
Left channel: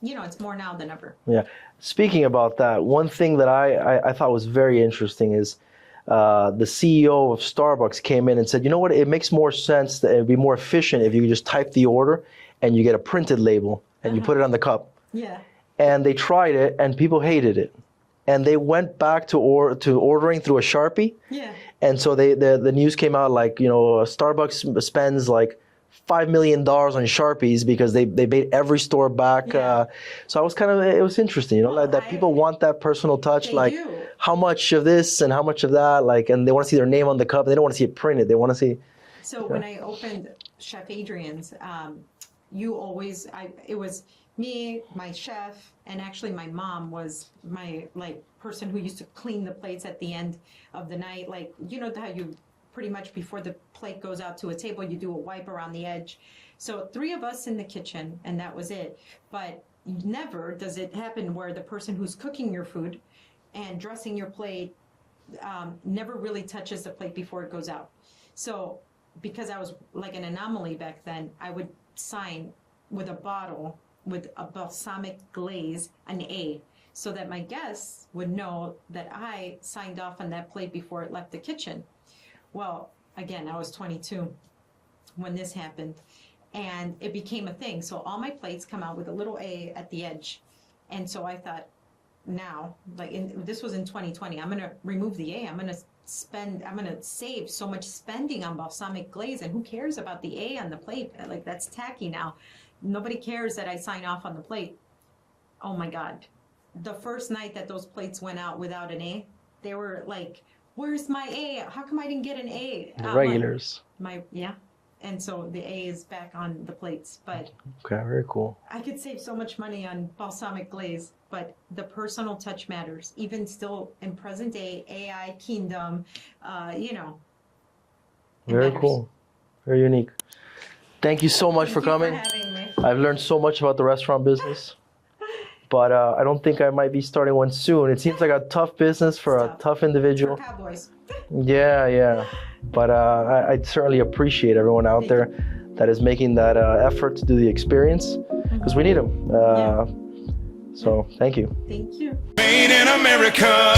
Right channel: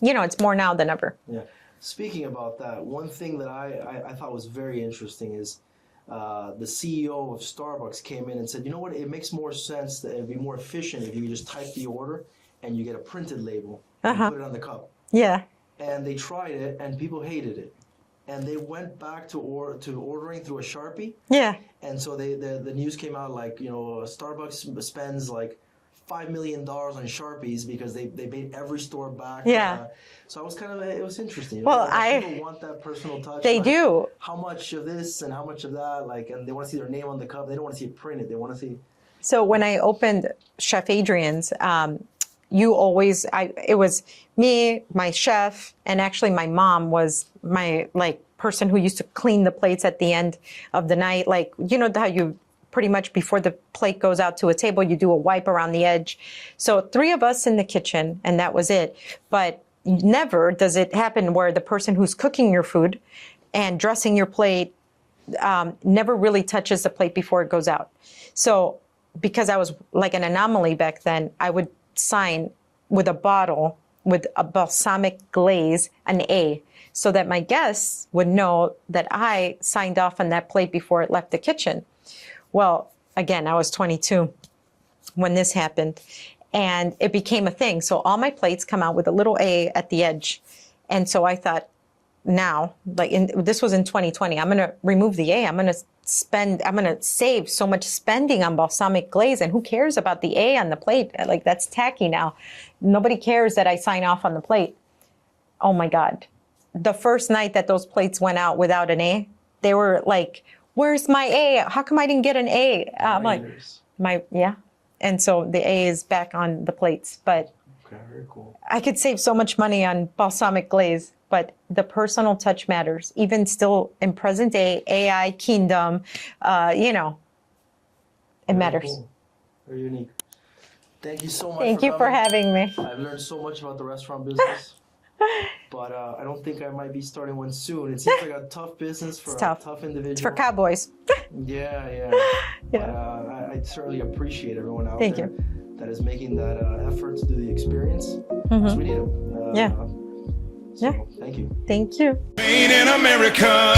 It's more now than ever. Yeah. Speaking about that, one thing that I thought was very interesting is the CEO of Starbucks came in and said, you know what, it makes more sense, that it'd be more efficient if you just type the order and you get a printed label and you put it on the cup. Yeah. And they tried it, and people hated it, and they went back to ordering through a Sharpie. Yeah. And so the news came out like, Starbucks spends like $5 million on Sharpies because they made every store back. Yeah. So I was it was interesting, that people want that personal touch. They do. How much of this and how much of that, and they want to see their name on the cup. They don't want to see it printed. They want to see. So when I opened Chef Adrianne's, it was me, my chef, and actually my mom was my person who used to clean the plates at the end of the night. Like, how you pretty much before the plate goes out to a table, you do a wipe around the edge. So 3 of us in the kitchen, and that was it. But never does it happen where the person who's cooking your food and dressing your plate never really touches the plate before it goes out. So because I was like an anomaly back then, I would sign with a bottle with a balsamic glaze, an A, so that my guests would know that I signed off on that plate before it left the kitchen. Well, again, I was 22 when this happened, and it became a thing. So all my plates come out with a little A at the edge. And so I thought, now, this was in 2020, I'm going to remove the A. I'm going to save so much spending on balsamic glaze, and who cares about the A on the plate? Like, that's tacky now. Nobody cares that I sign off on the plate. Oh my God. The first night that those plates went out without an A, they were like, where's my A? How come I didn't get an A? Regulars. And so the A is back on the plates. But okay, very cool. I could save so much money on balsamic glaze, but the personal touch matters. Even still in present day AI kingdom, it matters. Cool. Very unique. Thank you so much for coming. Thank you for having me. I've learned so much about the restaurant business, but I don't think I might be starting one soon. It seems like a tough business for a tough individual. It's for cowboys. Yeah. But I certainly appreciate everyone out there that is making that effort to do the experience, because we need them. So thank you. Thank you. Made in America.